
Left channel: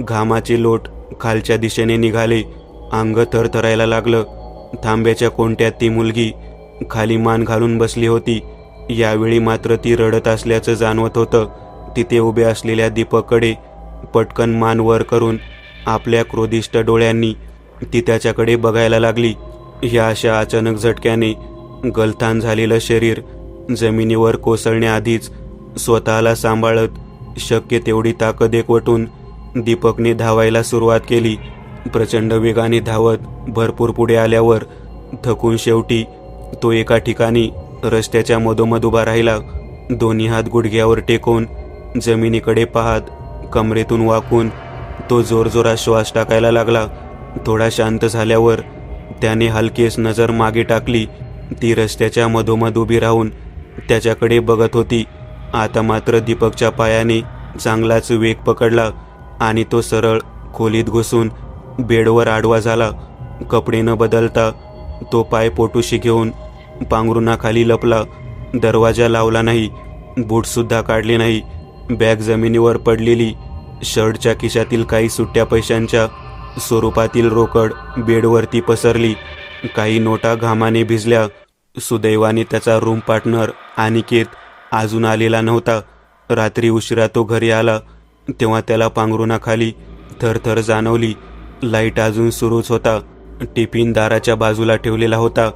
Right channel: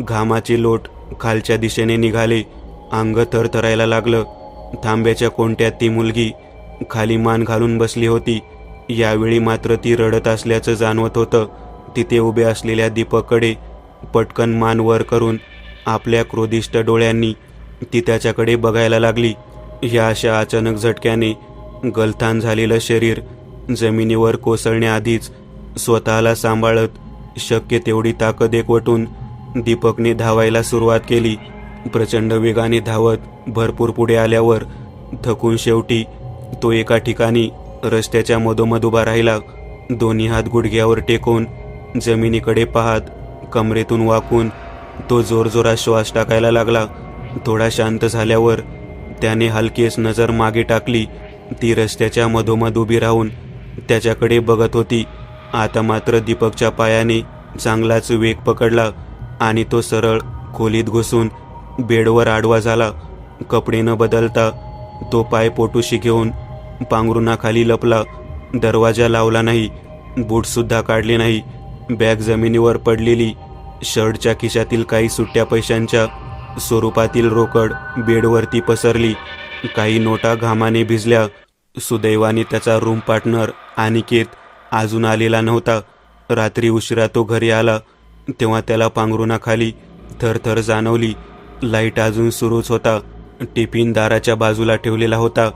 घामाचे लोट खालच्या दिशेने निघाले. अंग थरथरायला लागलं. थांब्याच्या कोंट्यात ती मुलगी खाली मान घालून बसली होती. यावेळी मात्र ती रडत असल्याचं जाणवत होतं. तिथे उभे असलेल्या दीपककडे पटकन मान वर करून आपल्या क्रोधिष्ट डोळ्यांनी ती त्याच्याकडे बघायला लागली. ह्या अशा अचानक झटक्याने गलथान झालेलं शरीर जमिनीवर कोसळण्याआधीच स्वतःला सांभाळत शक्य तेवढी ताकद एकवटून दीपकने धावायला सुरुवात केली. प्रचंड वेगाने धावत भरपूर पुढे आल्यावर थकून शेवटी तो एका ठिकाणी रस्त्याच्या मधोमध उभा राहिला. दोन्ही हात गुडघ्यावर टेकून जमिनीकडे पाहत कमरेतून वाकून तो जोरजोरात श्वास टाकायला लागला. थोडा शांत झाल्यावर त्याने हलकेच नजर मागे टाकली. ती रस्त्याच्या मधोमध उभी राहून त्याच्याकडे बघत होती. आता मात्र दीपकच्या पायाने चांगलाच वेग पकडला आणि तो सरळ खोलीत घुसून बेडवर आडवा झाला. कपडे न बदलता तो पाय पोटूशी घेऊन पांघरुणाखाली लपला. दरवाजा लावला नाही, बूटसुद्धा काढले नाही. बॅग जमिनीवर पडलेली. शर्टच्या खिशातील काही सुट्ट्या पैशांच्या स्वरूपातील रोकड बेडवरती पसरली. काही नोटा घामाने भिजल्या. सुदैवाने त्याचा रूम पार्टनर अनिकेत अजून आलेला नव्हता. रात्री उशिरा तो घरी आला तेव्हा त्याला पांघरुणाखाली थरथर जाणवली. लाईट अजून सुरूच होता. टिफिन दाराच्या बाजूला ठेवलेला होता,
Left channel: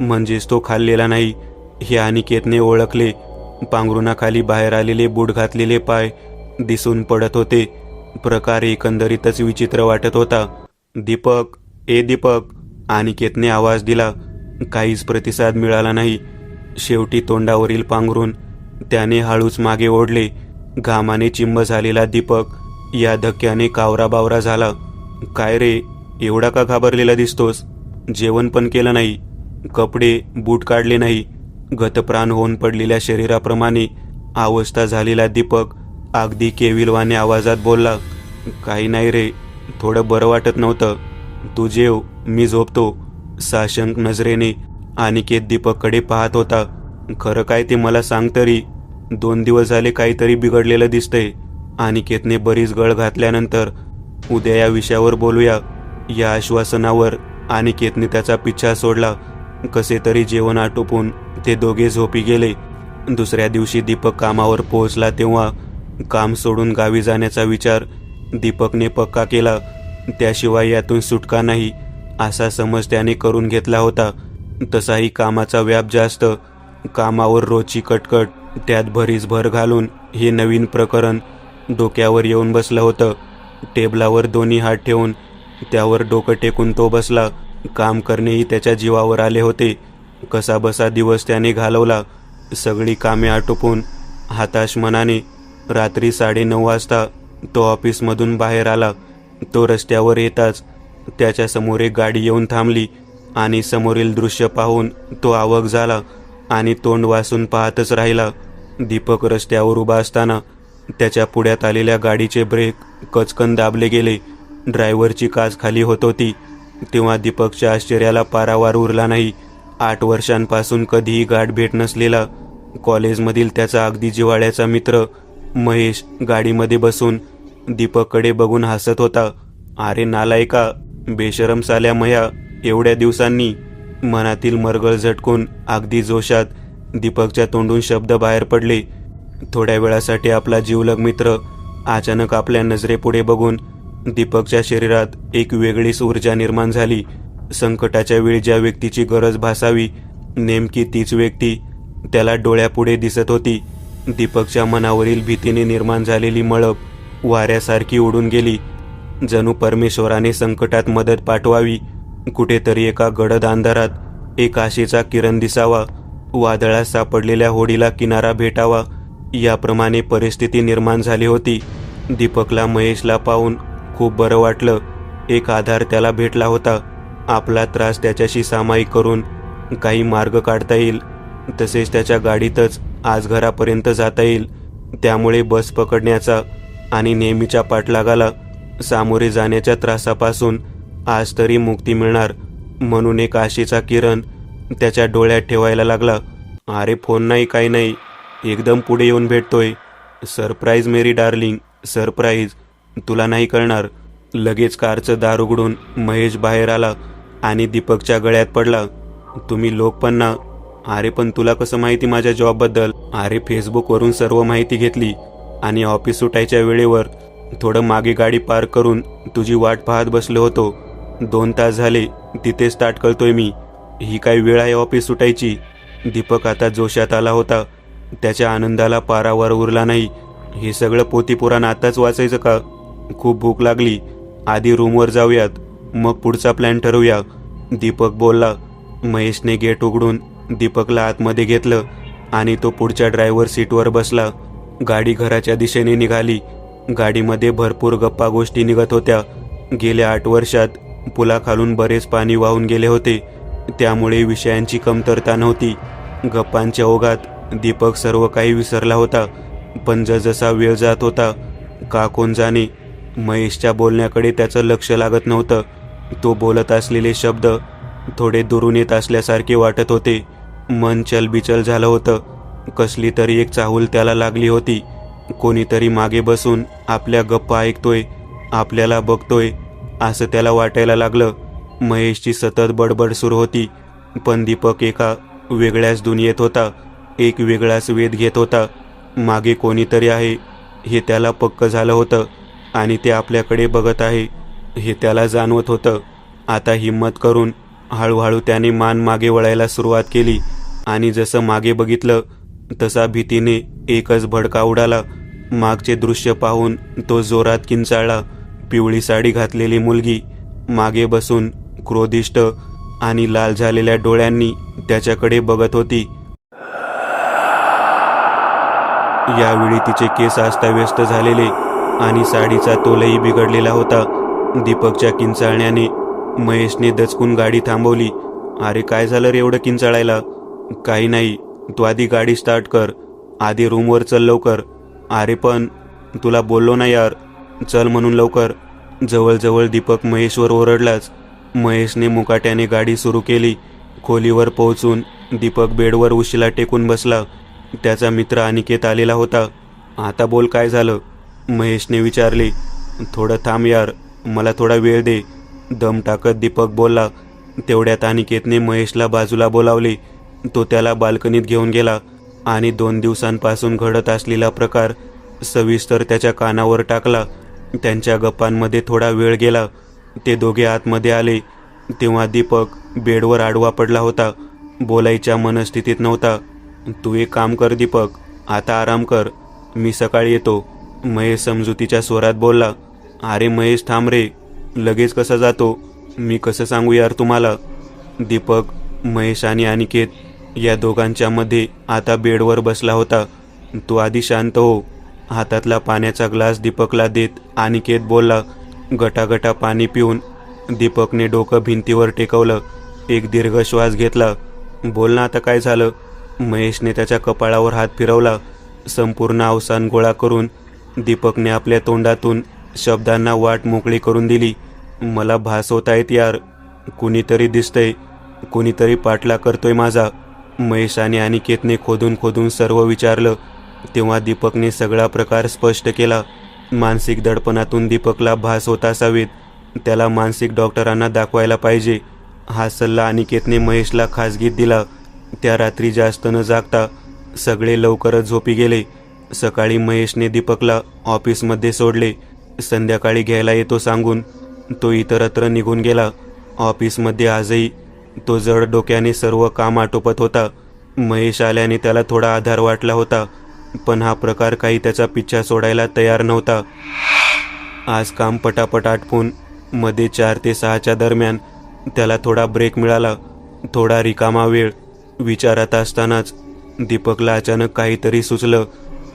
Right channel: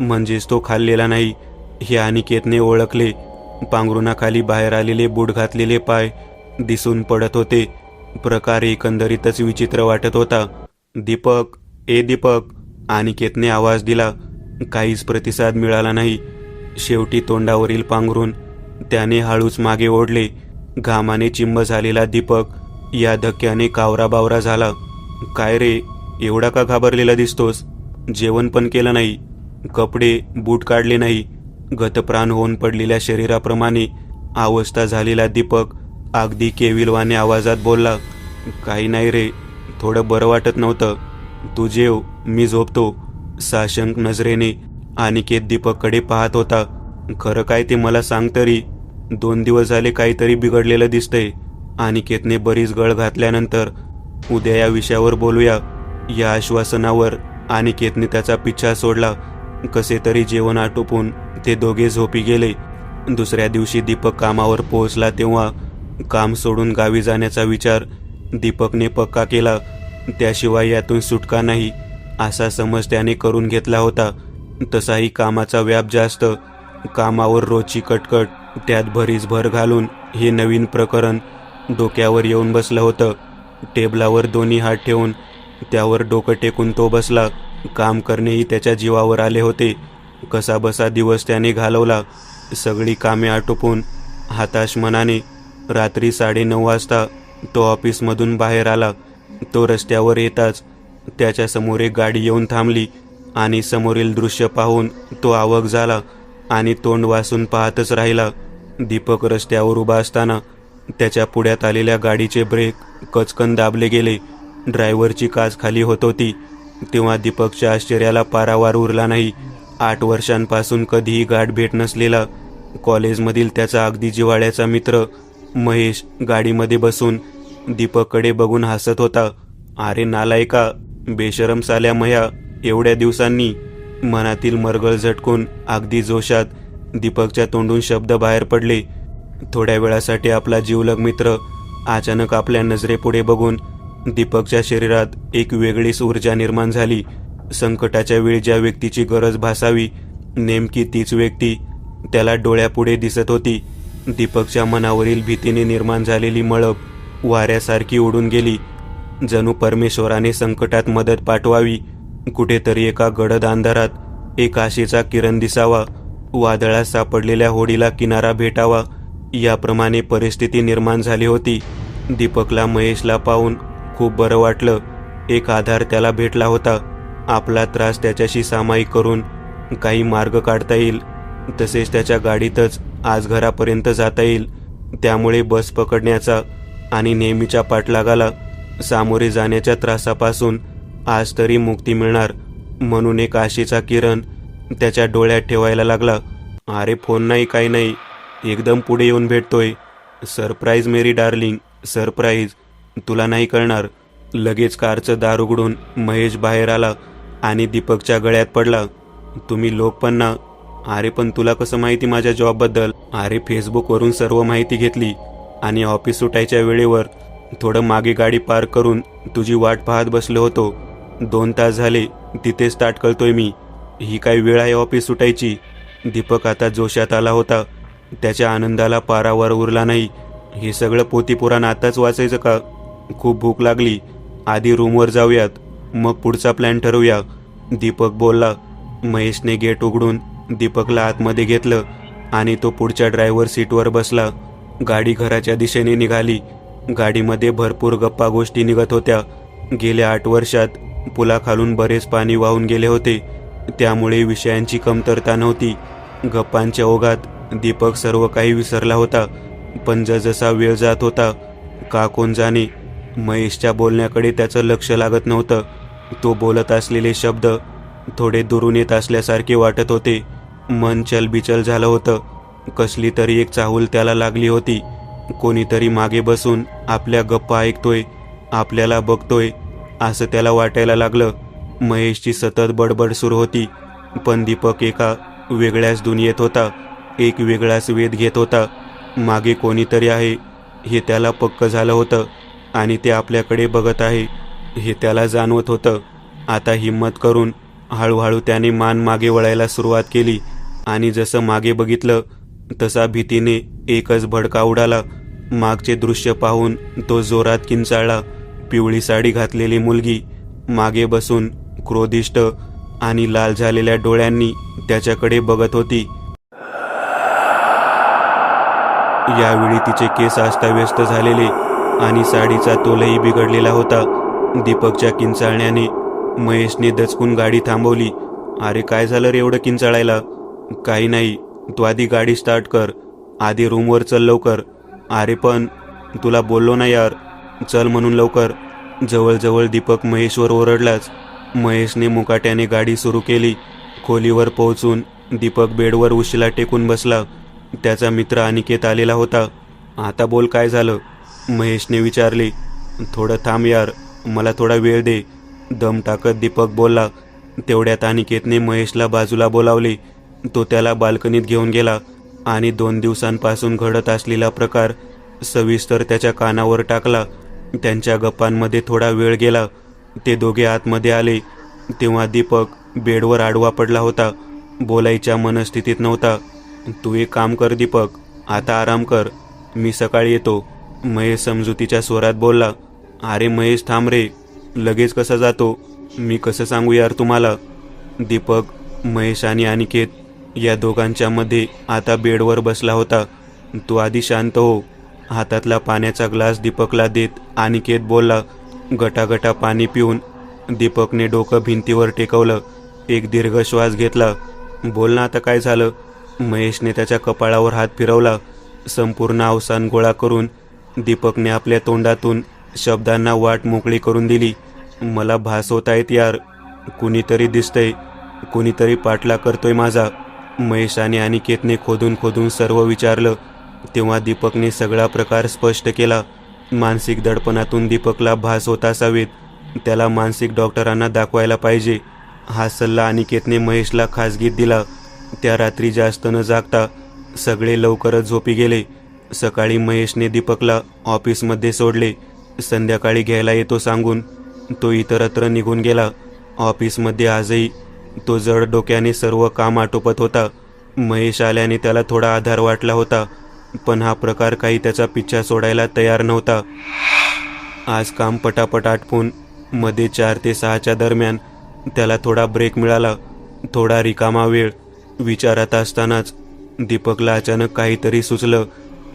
म्हणजेच तो खाल्लेला नाही हे अनिकेतने ओळखले. पांघरुणाखाली बाहेर आलेले बूट घातलेले पाय दिसून पडत होते. प्रकार एकंदरीतच विचित्र वाटत होता. दीपक, ए दीपक, अनिकेतने आवाज दिला. काहीच प्रतिसाद मिळाला नाही. शेवटी तोंडावरील पांघरून त्याने हळूच मागे ओढले. घामाने चिंब झालेला दीपक या धक्क्याने कावराबावरा झाला. काय रे, एवढा का घाबरलेला दिसतोस? जेवण पण केलं नाही, कपडे बूट काढले नाही. गतप्राण होऊन पडलेल्या शरीराप्रमाणे अवस्था झालेला दीपक अगदी केविलवाने आवाजात बोलला, काही नाही रे, थोडं बरं वाटत नव्हतं. तू जेव, मी झोपतो. साशंक नजरेने अनिकेत दीपककडे पाहत होता. खरं काय ते मला सांग तरी. 2 दिवस झाले काहीतरी बिघडलेलं दिसतंय. अनिकेतने बरीच गळ घातल्यानंतर उद्या या विषयावर बोलूया या आश्वासनावर अनिकेतने त्याचा पिच्छा सोडला. कसे तरी जेवण आटोपून ते दोघे झोपी गेले. दुसऱ्या दिवशी दीपक कामावर पोहोचला तेव्हा काम सोडून गावी जाण्याचा विचार दीपकने पक्का केला. त्याशिवाय यातून सुटका नाही असा समज त्याने करून घेतला होता. तसाही कामाचा व्याप जास्त, कामावर रोजची कटकट, त्यात भरीस भर घालून हे नवीन प्रकरण डोक्यावर येऊन बसलं होतं. टेबलावर दोन्ही हात ठेवून त्यावर डोकं टेकून तो बसला. काम करणेही त्याच्या जीवावर आले होते. कसा बसा दिवस त्याने घालवला. सगळी कामे आटोपून हताश मनाने रात्री 9:30 वाजता तो ऑफिसमधून बाहेर आला. तो रस्त्यावर येताच त्याच्या समोर एक गाडी येऊन थांबली आणि समोरील दृश्य पाहून तो अवाक झाला आणि तोंड वासून पाहतच राहिला. दीपक रस्त्यावर उभा असताना त्याच्या पुढ्यात आलेल्या गाडीचे ब्रेक कचकन दाबले गेले. ड्रायव्हरची काच खाली होत होती. तेव्हा दीपकच्या आश्चर्याला पारावार उरला नाही. 8 वर्षांपासून कधीही गाठ भेट नसलेला कॉलेजमधील त्याचा अगदी जिव्हाळ्याचा मित्र महेश गाडीमध्ये बसून दीपककडे बघून हसत होता. अरे नालायका, बेशरम साल्या मया, एवढ्या दिवसांनी. मनातील मरगळ झटकून अगदी जोशात दीपकच्या तोंडून शब्द बाहेर पडले. थोड्या वेळासाठी आपला जीवलग मित्र अचानक आपल्या नजरेपुढे बघून दीपकच्या शरीरात एक वेगळीच ऊर्जा निर्माण झाली. संकटाच्या वेळी ज्या व्यक्तीची गरज भासावी नेमकी तीच व्यक्ती त्याला डोळ्यापुढे दिसत होती. दीपकच्या मनावरील भीतीने निर्माण झालेली मळप वाऱ्यासारखी उडून गेली. जणू परमेश्वराने संकटात मदत पाठवावी. कुठेतरी एका गडद अंधारात एक आशेचा किरण दिसावा, वादळात सापडलेल्या होडीला किनारा भेटावा, याप्रमाणे परिस्थिती निर्माण झाली होती. दीपकला महेशला पाहून खूप बरं वाटलं. एक आधार त्याला भेटला होता. आपला त्रास त्याच्याशी सामायिक करून काही मार्ग काढता येईल. तसेच त्याच्या गाडीतच आज घरापर्यंत जाता येईल. त्यामुळे बस पकडण्याचा आणि नेहमीच्या पाठलागाला सामोरे जाण्याच्या त्रासापासून आज तरी मुक्ती मिळणार म्हणून एक आशेचा किरण त्याच्या डोळ्यात ठेवायला लागला. अरे फोन नाही, काही नाही, एकदम पुढे येऊन भेटतोय. सरप्राईज मेरी डार्लिंग, सरप्राईज, तुला नाही कळणार. लगेच कारचं दार उघडून महेश बाहेर आला आणि दीपकच्या गळ्यात पडला. तुम्ही लोक पण ना. अरे पण तुला कसं माहिती माझ्या जॉबबद्दल? अरे फेसबुकवरून सर्व माहिती घेतली आणि ऑफिस सुटायच्या वेळेवर थोडं मागे गाडी पार्क करून तुझी वाट पाहत बसलो होतो. 2 तास झाले तिथेच ताट कळतोय मी. ही काही वेळ आहे ऑफिस सुटायची? दीपक आता जोशात आला होता. त्याच्या आनंदाला पारावर उरला नाही. हे सगळं पोथीपुराण आताच वाचायचं का? खूप भूक लागली. आधी रूमवर जाऊयात, मग पुढचा प्लॅन ठरवूया, दीपक बोलला. महेशने गेट उघडून दीपकला आतमध्ये घेतलं आणि तो पुढच्या ड्रायव्हर सीटवर बसला. गाडी घराच्या दिशेने निघाली. गाडीमध्ये भरपूर गप्पा गोष्टी निघत होत्या. गेल्या 8 वर्षात पुलाखालून बरेच पाणी वाहून गेले होते. त्यामुळे विषयांची कमतरता नव्हती. गप्पांच्या ओघात दीपक सर्व काही विसरला होता. पण जसा वेळ जात होता का कोण जाणे महेशच्या बोलण्याकडे त्याचं लक्ष लागत नव्हतं. तो बोलत असलेले शब्द थोडे दुरून येत असल्यासारखे वाटत होते. मन चलबिचल झालं होतं. कसली तरी एक चाहूल त्याला लागली होती. कोणीतरी मागे बसून आपल्या गप्पा ऐकतोय, आपल्याला बघतोय असं त्याला वाटायला लागलं. महेशची सतत बडबड सुरू होती, पण दीपक एका वेगळ्याच दुनियेत होता. एक वेगळाच वेध घेत होता. मागे कोणीतरी आहे हे त्याला पक्क झालं होतं आणि ते आपल्याकडे बघत आहे हे त्याला जाणवत होतं. आता हिम्मत करून हळूहळू त्याने मान मागे वळायला सुरुवात केली आणि जसं मागे बघितलं तसा भीतीने एकच भडका उडाला. मागचे दृश्य पाहून तो जोरात किंचाळला. पिवळी साडी घातलेली मुलगी मागे बसून क्रोधिष्ट आणि लाल झालेल्या डोळ्यांनी त्याच्याकडे बघत होती. यावेळी तिचे केस अस्ताव्यस्त झालेले आणि साडीचा तोलही बिघडलेला होता. दीपकच्या किंचाळण्याने महेशने दचकून गाडी थांबवली. अरे काय झालं रे एवढं किंचाळायला? काही नाही, तू आधी गाडी स्टार्ट कर, आधी रूमवर चल लवकर. अरे पण तुला बोललो ना यार, चल म्हणून लवकर. जवळजवळ दीपक महेशवर ओरडलाच. महेशने मुकाट्याने गाडी सुरू केली. खोलीवर पोहोचून दीपक बेडवर उशीला टेकून बसला. त्याचा मित्र अनिकेत आलेला होता. आता बोल, काय झालं? महेशने विचारले. थोडं थांब यार, मला थोडा वेळ दे, दम टाकत दीपक बोलला. तेवढ्यात अनिकेतने महेशला बाजूला बोलावले. तो त्याला बाल्कनीत घेऊन गेला आणि 2 दिवसांपासून घडत असलेला प्रकार सविस्तर त्याच्या कानावर टाकला. त्यांच्या गप्पांमध्ये थोडा वेळ गेला. ते दोघे आतमध्ये आले तेव्हा दीपक बेडवर आडवा पडला होता. बोलायच्या मनस्थितीत नव्हता. तू एक काम कर दीपक, आता आराम कर, मी सकाळी येतो, महेश समजुतीच्या स्वरात बोलला. अरे महेश थांब रे, लगेच कसा जातो, मी कसं सांगू यार तुम्हाला. दीपक, महेश आणि अनिकेत या दोघांच्या मध्ये आता बेडवर बसला होता. तू आधी शांत हो. हातातला पाण्याचा ग्लास दीपकला देत अनिकेत बोलला. गटागटा पाणी पिऊन दीपकने डोकं भिंतीवर टेकवलं. एक दीर्घ श्वास घेतला. बोल ना, आता काय झालं. महेशने त्याच्या कपाळावर हात फिरवला. संपूर्ण अवसान गोळा करून दीपकने आपल्या तोंडातून शब्दांना वाट मोकळी करून दिली. मला भास होत आहेत यार, कुणीतरी दिसतंय, कुणीतरी पाठला करतोय माझा. महेश आणि अनिकेतने खोदून खोदून सर्व विचारलं. तेव्हा दीपकने सगळा प्रकार स्पष्ट केला. मानसिक दडपणातून दीपकला भास होत असावेत, त्याला मानसिक डॉक्टरांना दाखवायला पाहिजे. हा सल्ला अनिकेतने महेशला खासगीत दिला. त्या रात्री जास्त न जागता सगळे लवकरच झोपी गेले. सकाळी महेशने दीपकला ऑफिसमध्ये सोडले. संध्याकाळी घ्यायला येतो सांगून तो इतरत्र निघून गेला. ऑफिसमध्ये आजही तो जड डोक्याने सर्व काम आटोपत होता. महेश आल्याने त्याला थोडा आधार वाटला होता, पण हा प्रकार काही त्याचा पिच्छा सोडायला तयार नव्हता. आज काम पटापट आटपून मध्ये 4 ते 6च्या दरम्यान त्याला थोडा ब्रेक मिळाला. थोडा रिकामा वेळ विचारात असतानाच दीपकला अचानक काहीतरी सुचलं.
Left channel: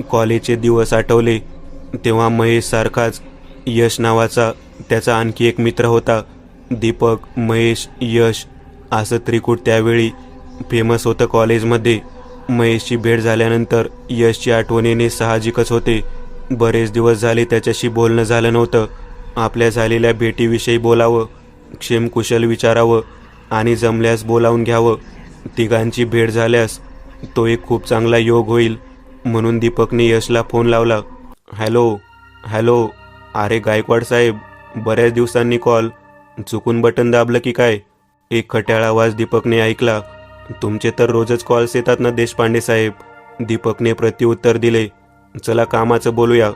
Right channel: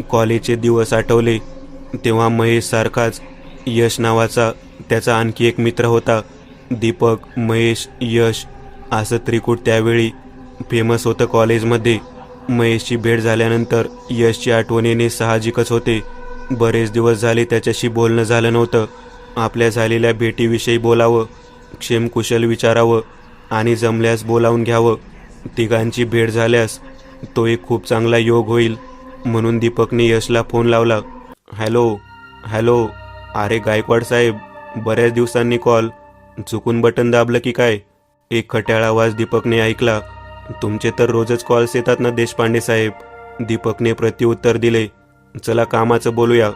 कॉलेजचे दिवस आठवले. तेव्हा महेश सारखाच यश नावाचा त्याचा आणखी एक मित्र होता. दीपक, महेश, यश असं त्रिकूट त्यावेळी फेमस होतं कॉलेजमध्ये. महेशची भेट झाल्यानंतर यशची आठवणीने साहजिकच होते. बरेच दिवस झाले त्याच्याशी बोलणं झालं नव्हतं. आपल्या झालेल्या भेटीविषयी बोलावं, क्षेमकुशल विचारावं आणि जमल्यास बोलावून घ्यावं. तिघांची भेट झाल्यास तो एक खूप चांगला योग होईल म्हणून दीपकने यशला फोन लावला. हॅलो, अरे गायकवाड साहेब, बऱ्याच दिवसांनी कॉल, चुकून बटन दाबलं की काय. एक खट्याळ आवाज दीपकने ऐकला. तुमचे तर रोजच कॉल्स येतात ना देशपांडे साहेब, दीपकने प्रत्युत्तर दिले. चला कामाचं बोलूया.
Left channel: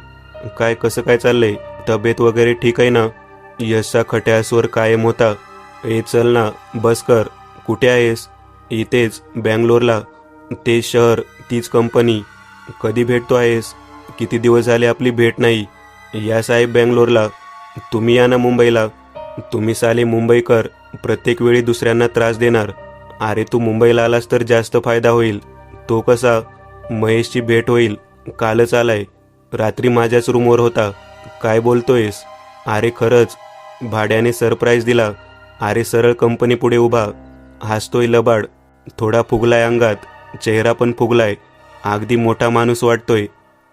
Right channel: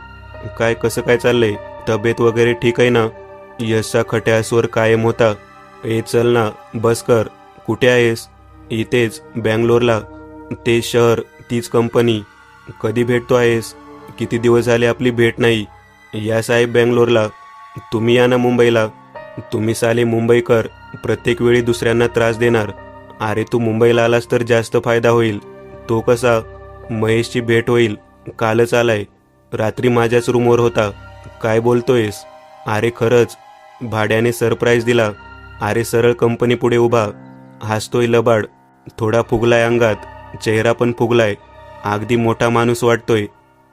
काय कसं काय चाललंय, तब्येत वगैरे ठीक आहे ना. यशचा खट्या स्वर कायम होता. चल ना, बस कर. कुठे आहेस. इथेच बँगलोरला. ते शहर, तीच कंपनी. कधी भेटतो आहेस. किती दिवस झाले आपली भेट नाही. या साहेब बँगलोरला. तुम्ही या ना मुंबईला. तुम्ही साले मुंबईकर प्रत्येक वेळी दुसऱ्यांना त्रास देणार. अरे तू मुंबईला आलास तर जास्त फायदा होईल. तो कसा, महेशची भेट होईल. कालच आलाय, रात्री माझ्याच रूमवर होता. काय बोलतोयस. अरे खरंच, भाड्याने सरप्राईज दिला. अरे सरळ कंपनी पुढे उभा, हसतोय लबाड, थोडा फुगलाय अंगात, चेहरा पण फुगलाय. अगदी मोठा माणूस वाटतोय.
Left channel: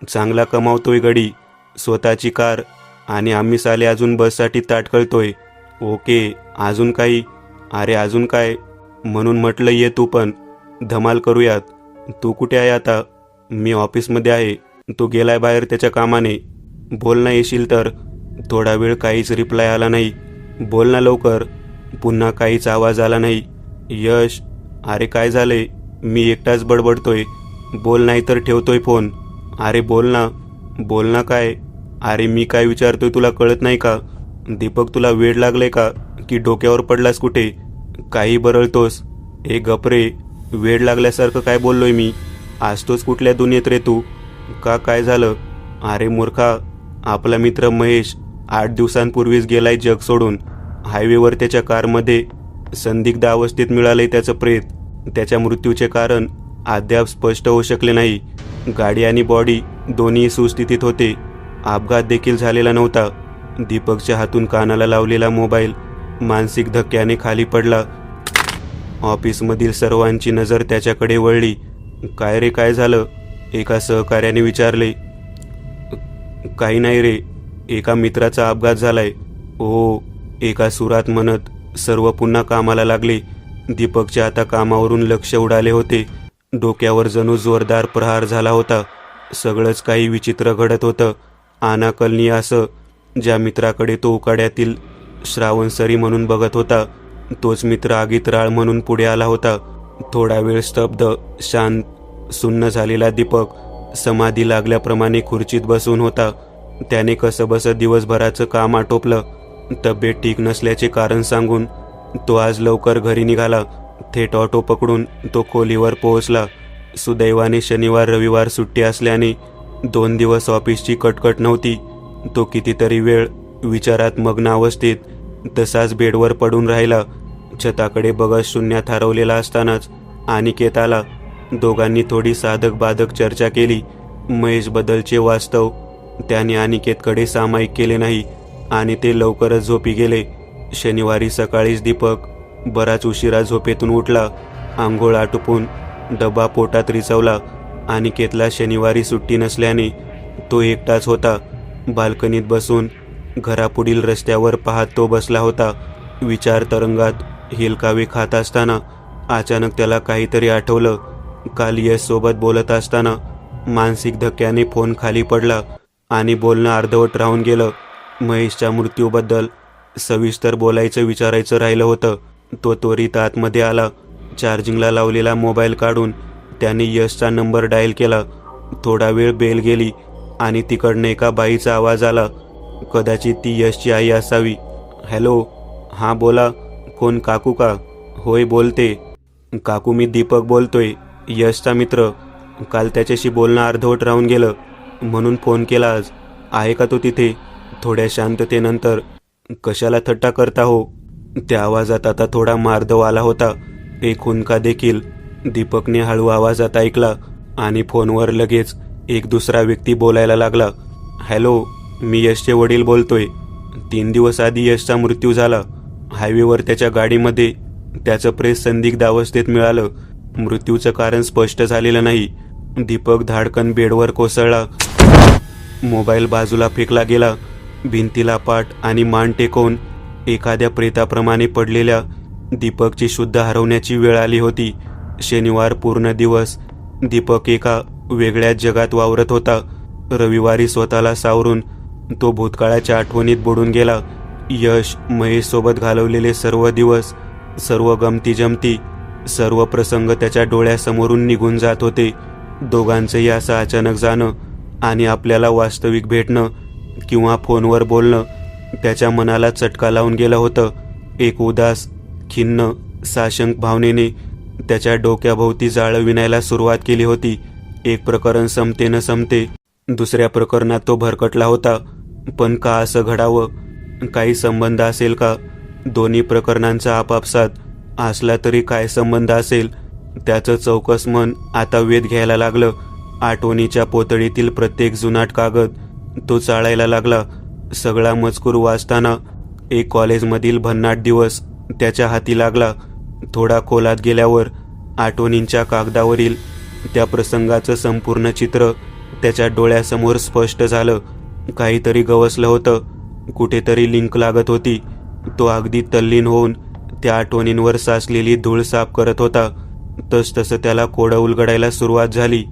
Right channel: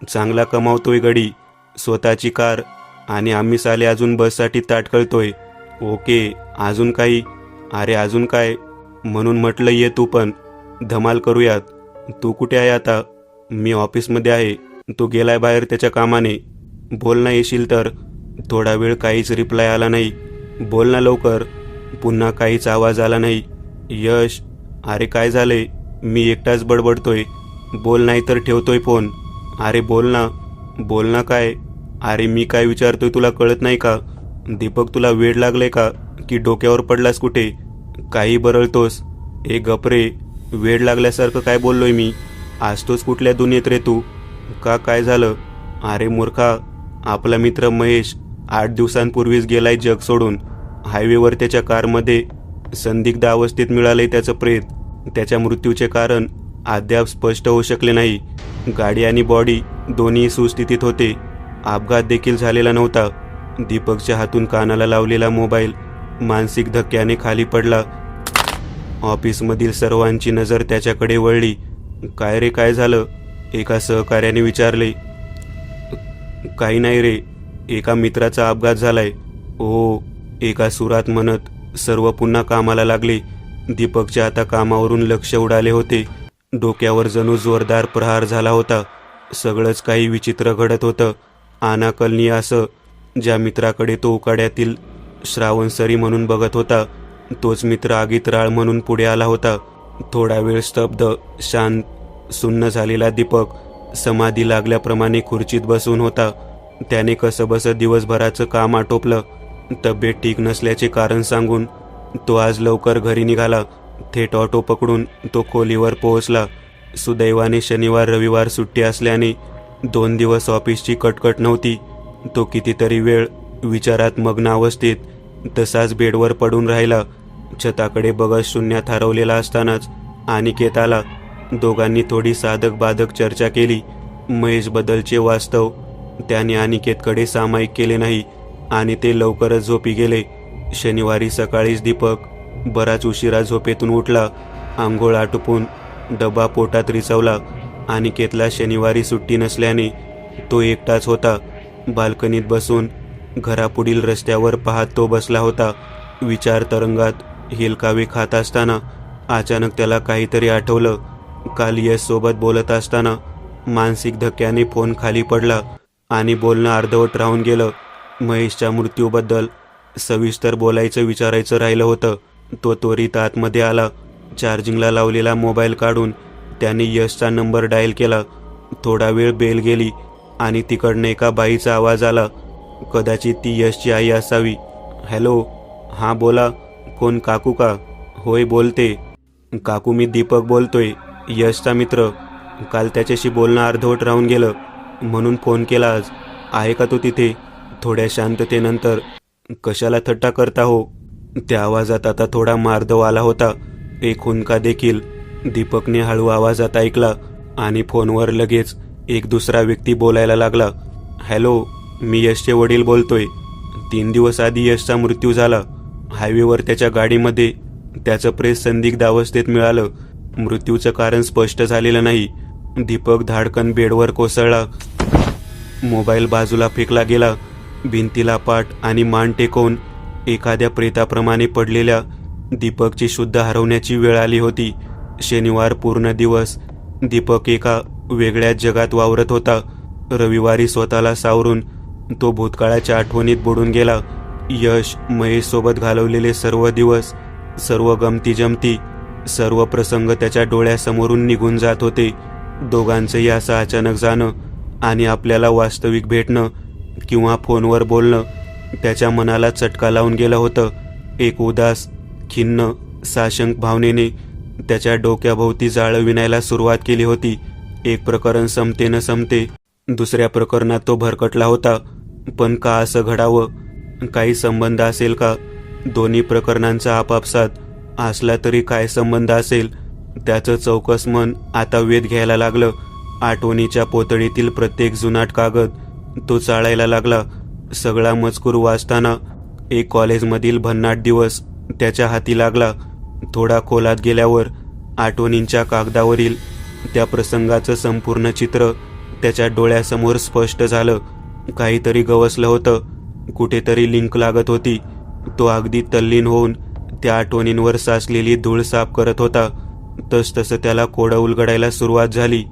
चांगला कमावतोय गडी, स्वतःची कार, आणि आम्ही साले अजून बससाठी ताटकळतोय. ओके, अजून काही. अरे अजून काय, म्हणून म्हटलं ये तू पण, धमाल करूयात. तू कुठे आहे आता. मी ऑफिसमध्ये आहे. तू गेलाय बाहेर त्याच्या कामाने. बोल ना, येशील तर. थोडा वेळ काहीच रिप्लाय आला नाही. बोल ना लवकर. पुन्हा काहीच आवाज आला नाही. यश, अरे काय झाले. मी एकटाच बडबडतोय. बोल नाही तर ठेवतोय फोन. अरे बोल ना काय. अरे मी काय विचारतोय तुला कळत नाही का. दीपक तुला वेड लागले का की डोक्यावर पडलास कुठे. काही बरळतोस. गपरे, वेड लागल्यासारखं काय बोललोय मी. असतोच कुठल्या दुनियेत रे तू. का काय झालं. अरे मूर्खा, आपला मित्र महेश 8 दिवसांपूर्वीच गेलाय जग सोडून. हायवेवर त्याच्या कारमध्ये संदिग्ध अवस्थेत मिळालंय त्याचं प्रेत. त्याच्या मृत्यूचे कारण अद्याप स्पष्ट होऊ शकले नाही. गाडी आणि बॉडी दोन्ही सुस्थितीत होते. अपघात देखील झालेला नव्हता. दीपकच्या हातून कानाला लावलेला मोबाईल मानसिक धक्क्याने खाली पडला. ऑफिसमधील सर्वांची नजर त्याच्याकडे वळली. काय रे, काय झालं. एका सहकार्याने विचारले. काही नाही रे, एका मित्राचा अपघात झालाय. ओ, एका सुरात म्हणत सर्व पुन्हा कामाला लागले. दीपकच्या आता कामावरून लक्ष उडाले होते. डोक्यावर जणू जोरदार प्रहार झाला होता. सगळंच काही विचित्र घडत होतं. अनाकलनीय असं. ज्या मित्राकडे तो उकाड्यातील श्रावणसरी म्हणून बघत होता, तोच मित्र आगीत राळ म्हणून पुढे आला होता. थोडा वेळ स्तब्ध, शांत सुन्न झालेला दीपक समाधी लागल्याप्रमाणे खुर्चीत बसून होता. त्याने कसंबसं दिवसभराचं काम आटोपलं. तब्येत ठीक नसल्याचे कारण सांगून तो आज लवकर घरी निघाला. थेट ऑटो पकडून तो खोलीवर पोहोचला. सुदैवाने शनिवार रविवार सुट्टी असल्याने 2 दिवस ऑफिसची कटकट नव्हती. तो कितीतरी वेळ विचारात मग्न अवस्थेत तसाच बेडवर पडून राहिला. छताकडे बघत शून्यात हरवलेला असतानाच अनिकेत आला. दोघांनी थोडी साधक बाधक चर्चा केली. महेश बद्दलचे वास्तव त्याने अनिकेतकडे सामायिक केले नाही आणि ते लवकरच झोपी गेले. शनिवारी सकाळीच दीपक बराच उशिरा झोपेतून उठला. आंघोळ आटोपून डबा पोटात रिचवला. अनिकेतला शनिवारी सुट्टी नसल्याने तो एकटाच होता. बाल्कनीत बसून घरापुढील रस्त्यावर पाहत तो बसला होता. विचार तरंगात हेलकावे खात असताना अचानक त्याला काहीतरी आठवलं. काल यश सोबत बोलत असताना मानसिक धक्क्याने फोन खाली पडला आणि बोलणं अर्धवट राहून गेलं. महेशच्या मृत्यूबद्दल सविस्तर विचारायचं राहिलं होतं. तो त्वरित आतमध्ये आला. चार्जिंगला लावलेला मोबाईल काढून त्याने यशचा नंबर डायल केला. थोडा वेळ बेल गेली आणि तिकडनं एका बाईचा आवाज आला. कदाचित ती यशची आई असावी. हॅलो, हां बोला. कोण, काकू का? होय बोलते. काकू, मी दीपक बोलतोय, यशचा मित्र. काल त्याच्याशी बोलणं अर्धवट राहून गेलं म्हणून फोन केला आज. आहे का तो तिथे? थोड्या शांततेनंतर, कशाला थट्टा करता हो? त्या आवाजात आता थोडा मार्दव आला होता. एक हुंदका देखील दीपकने हळू आवाजात ऐकला आणि फोनवर लगेच एक दुसरा व्यक्ती बोलायला लागला. हॅलो, मी यशचे वडील बोलतोय. 3 दिवस आधी यशचा मृत्यू झाला. हायवेवर त्याच्या गाडीमध्ये त्याचं प्रेस संदिग्ध अवस्थेत मिळालं. मृत्यूचं कारण स्पष्ट झालेलं नाही. दीपक धाडकन बेडवर कोसळला. मोबाईल बाजूला फेकला गेला. भिंतीला पाठ आणि मान टेकवून एखाद्या प्रेताप्रमाणे पडलेल्या दीपकची शुद्ध हरवण्याची वेळ आली होती. शनिवार पूर्ण दिवस दीपक एका वेगळ्याच जगात वावरत होता. रविवारी स्वतःला सावरून तो भूतकाळाच्या आठवणीत बुडून गेला. यश, महेश सोबत घालवलेले सर्व दिवस, सर्व गमती जमती, सर्व प्रसंग त्याच्या डोळ्यासमोरून निघून जात होते. दोघांचंही असं अचानक जाणं आणि आपल्याला वास्तविक भेटणं किंवा फोनवर बोलणं त्याच्या मनाला चटका लावून गेलं होतं. एक उदास, खिन्न, साशंक भावनेने त्याच्या डोक्याभोवती जाळं विणायला सुरुवात केली होती. एक प्रकरण संपते न संपते दुसऱ्या प्रकरणात तो भरकटला होता. पण का असं घडावं? काही संबंध असेल का? दोन्ही प्रकरणांचा आपापसात असला तरी काय संबंध असेल? त्याचं चौकस मन आता वेध घ्यायला लागलं. आठवणीच्या पोतळीतील प्रत्येक जुनाट कागद तो चाळायला लागला. सगळा मजकूर वाचताना एक कॉलेजमधील भन्नाट दिवस त्याच्या हाती लागला. थोडा खोलात गेल्यावर आठवणींच्या कागदावरील त्या प्रसंगाचं संपूर्ण चित्र त्याच्या डोळ्यासमोर स्पष्ट झालं. काहीतरी गवसलं होतं. कुठेतरी लिंक लागत होती. तो अगदी तल्लीन होऊन त्या आठवणींवर साचलेली धूळ साफ करत होता. तसतसं त्याला कोडं उलगडायला सुरुवात झाली.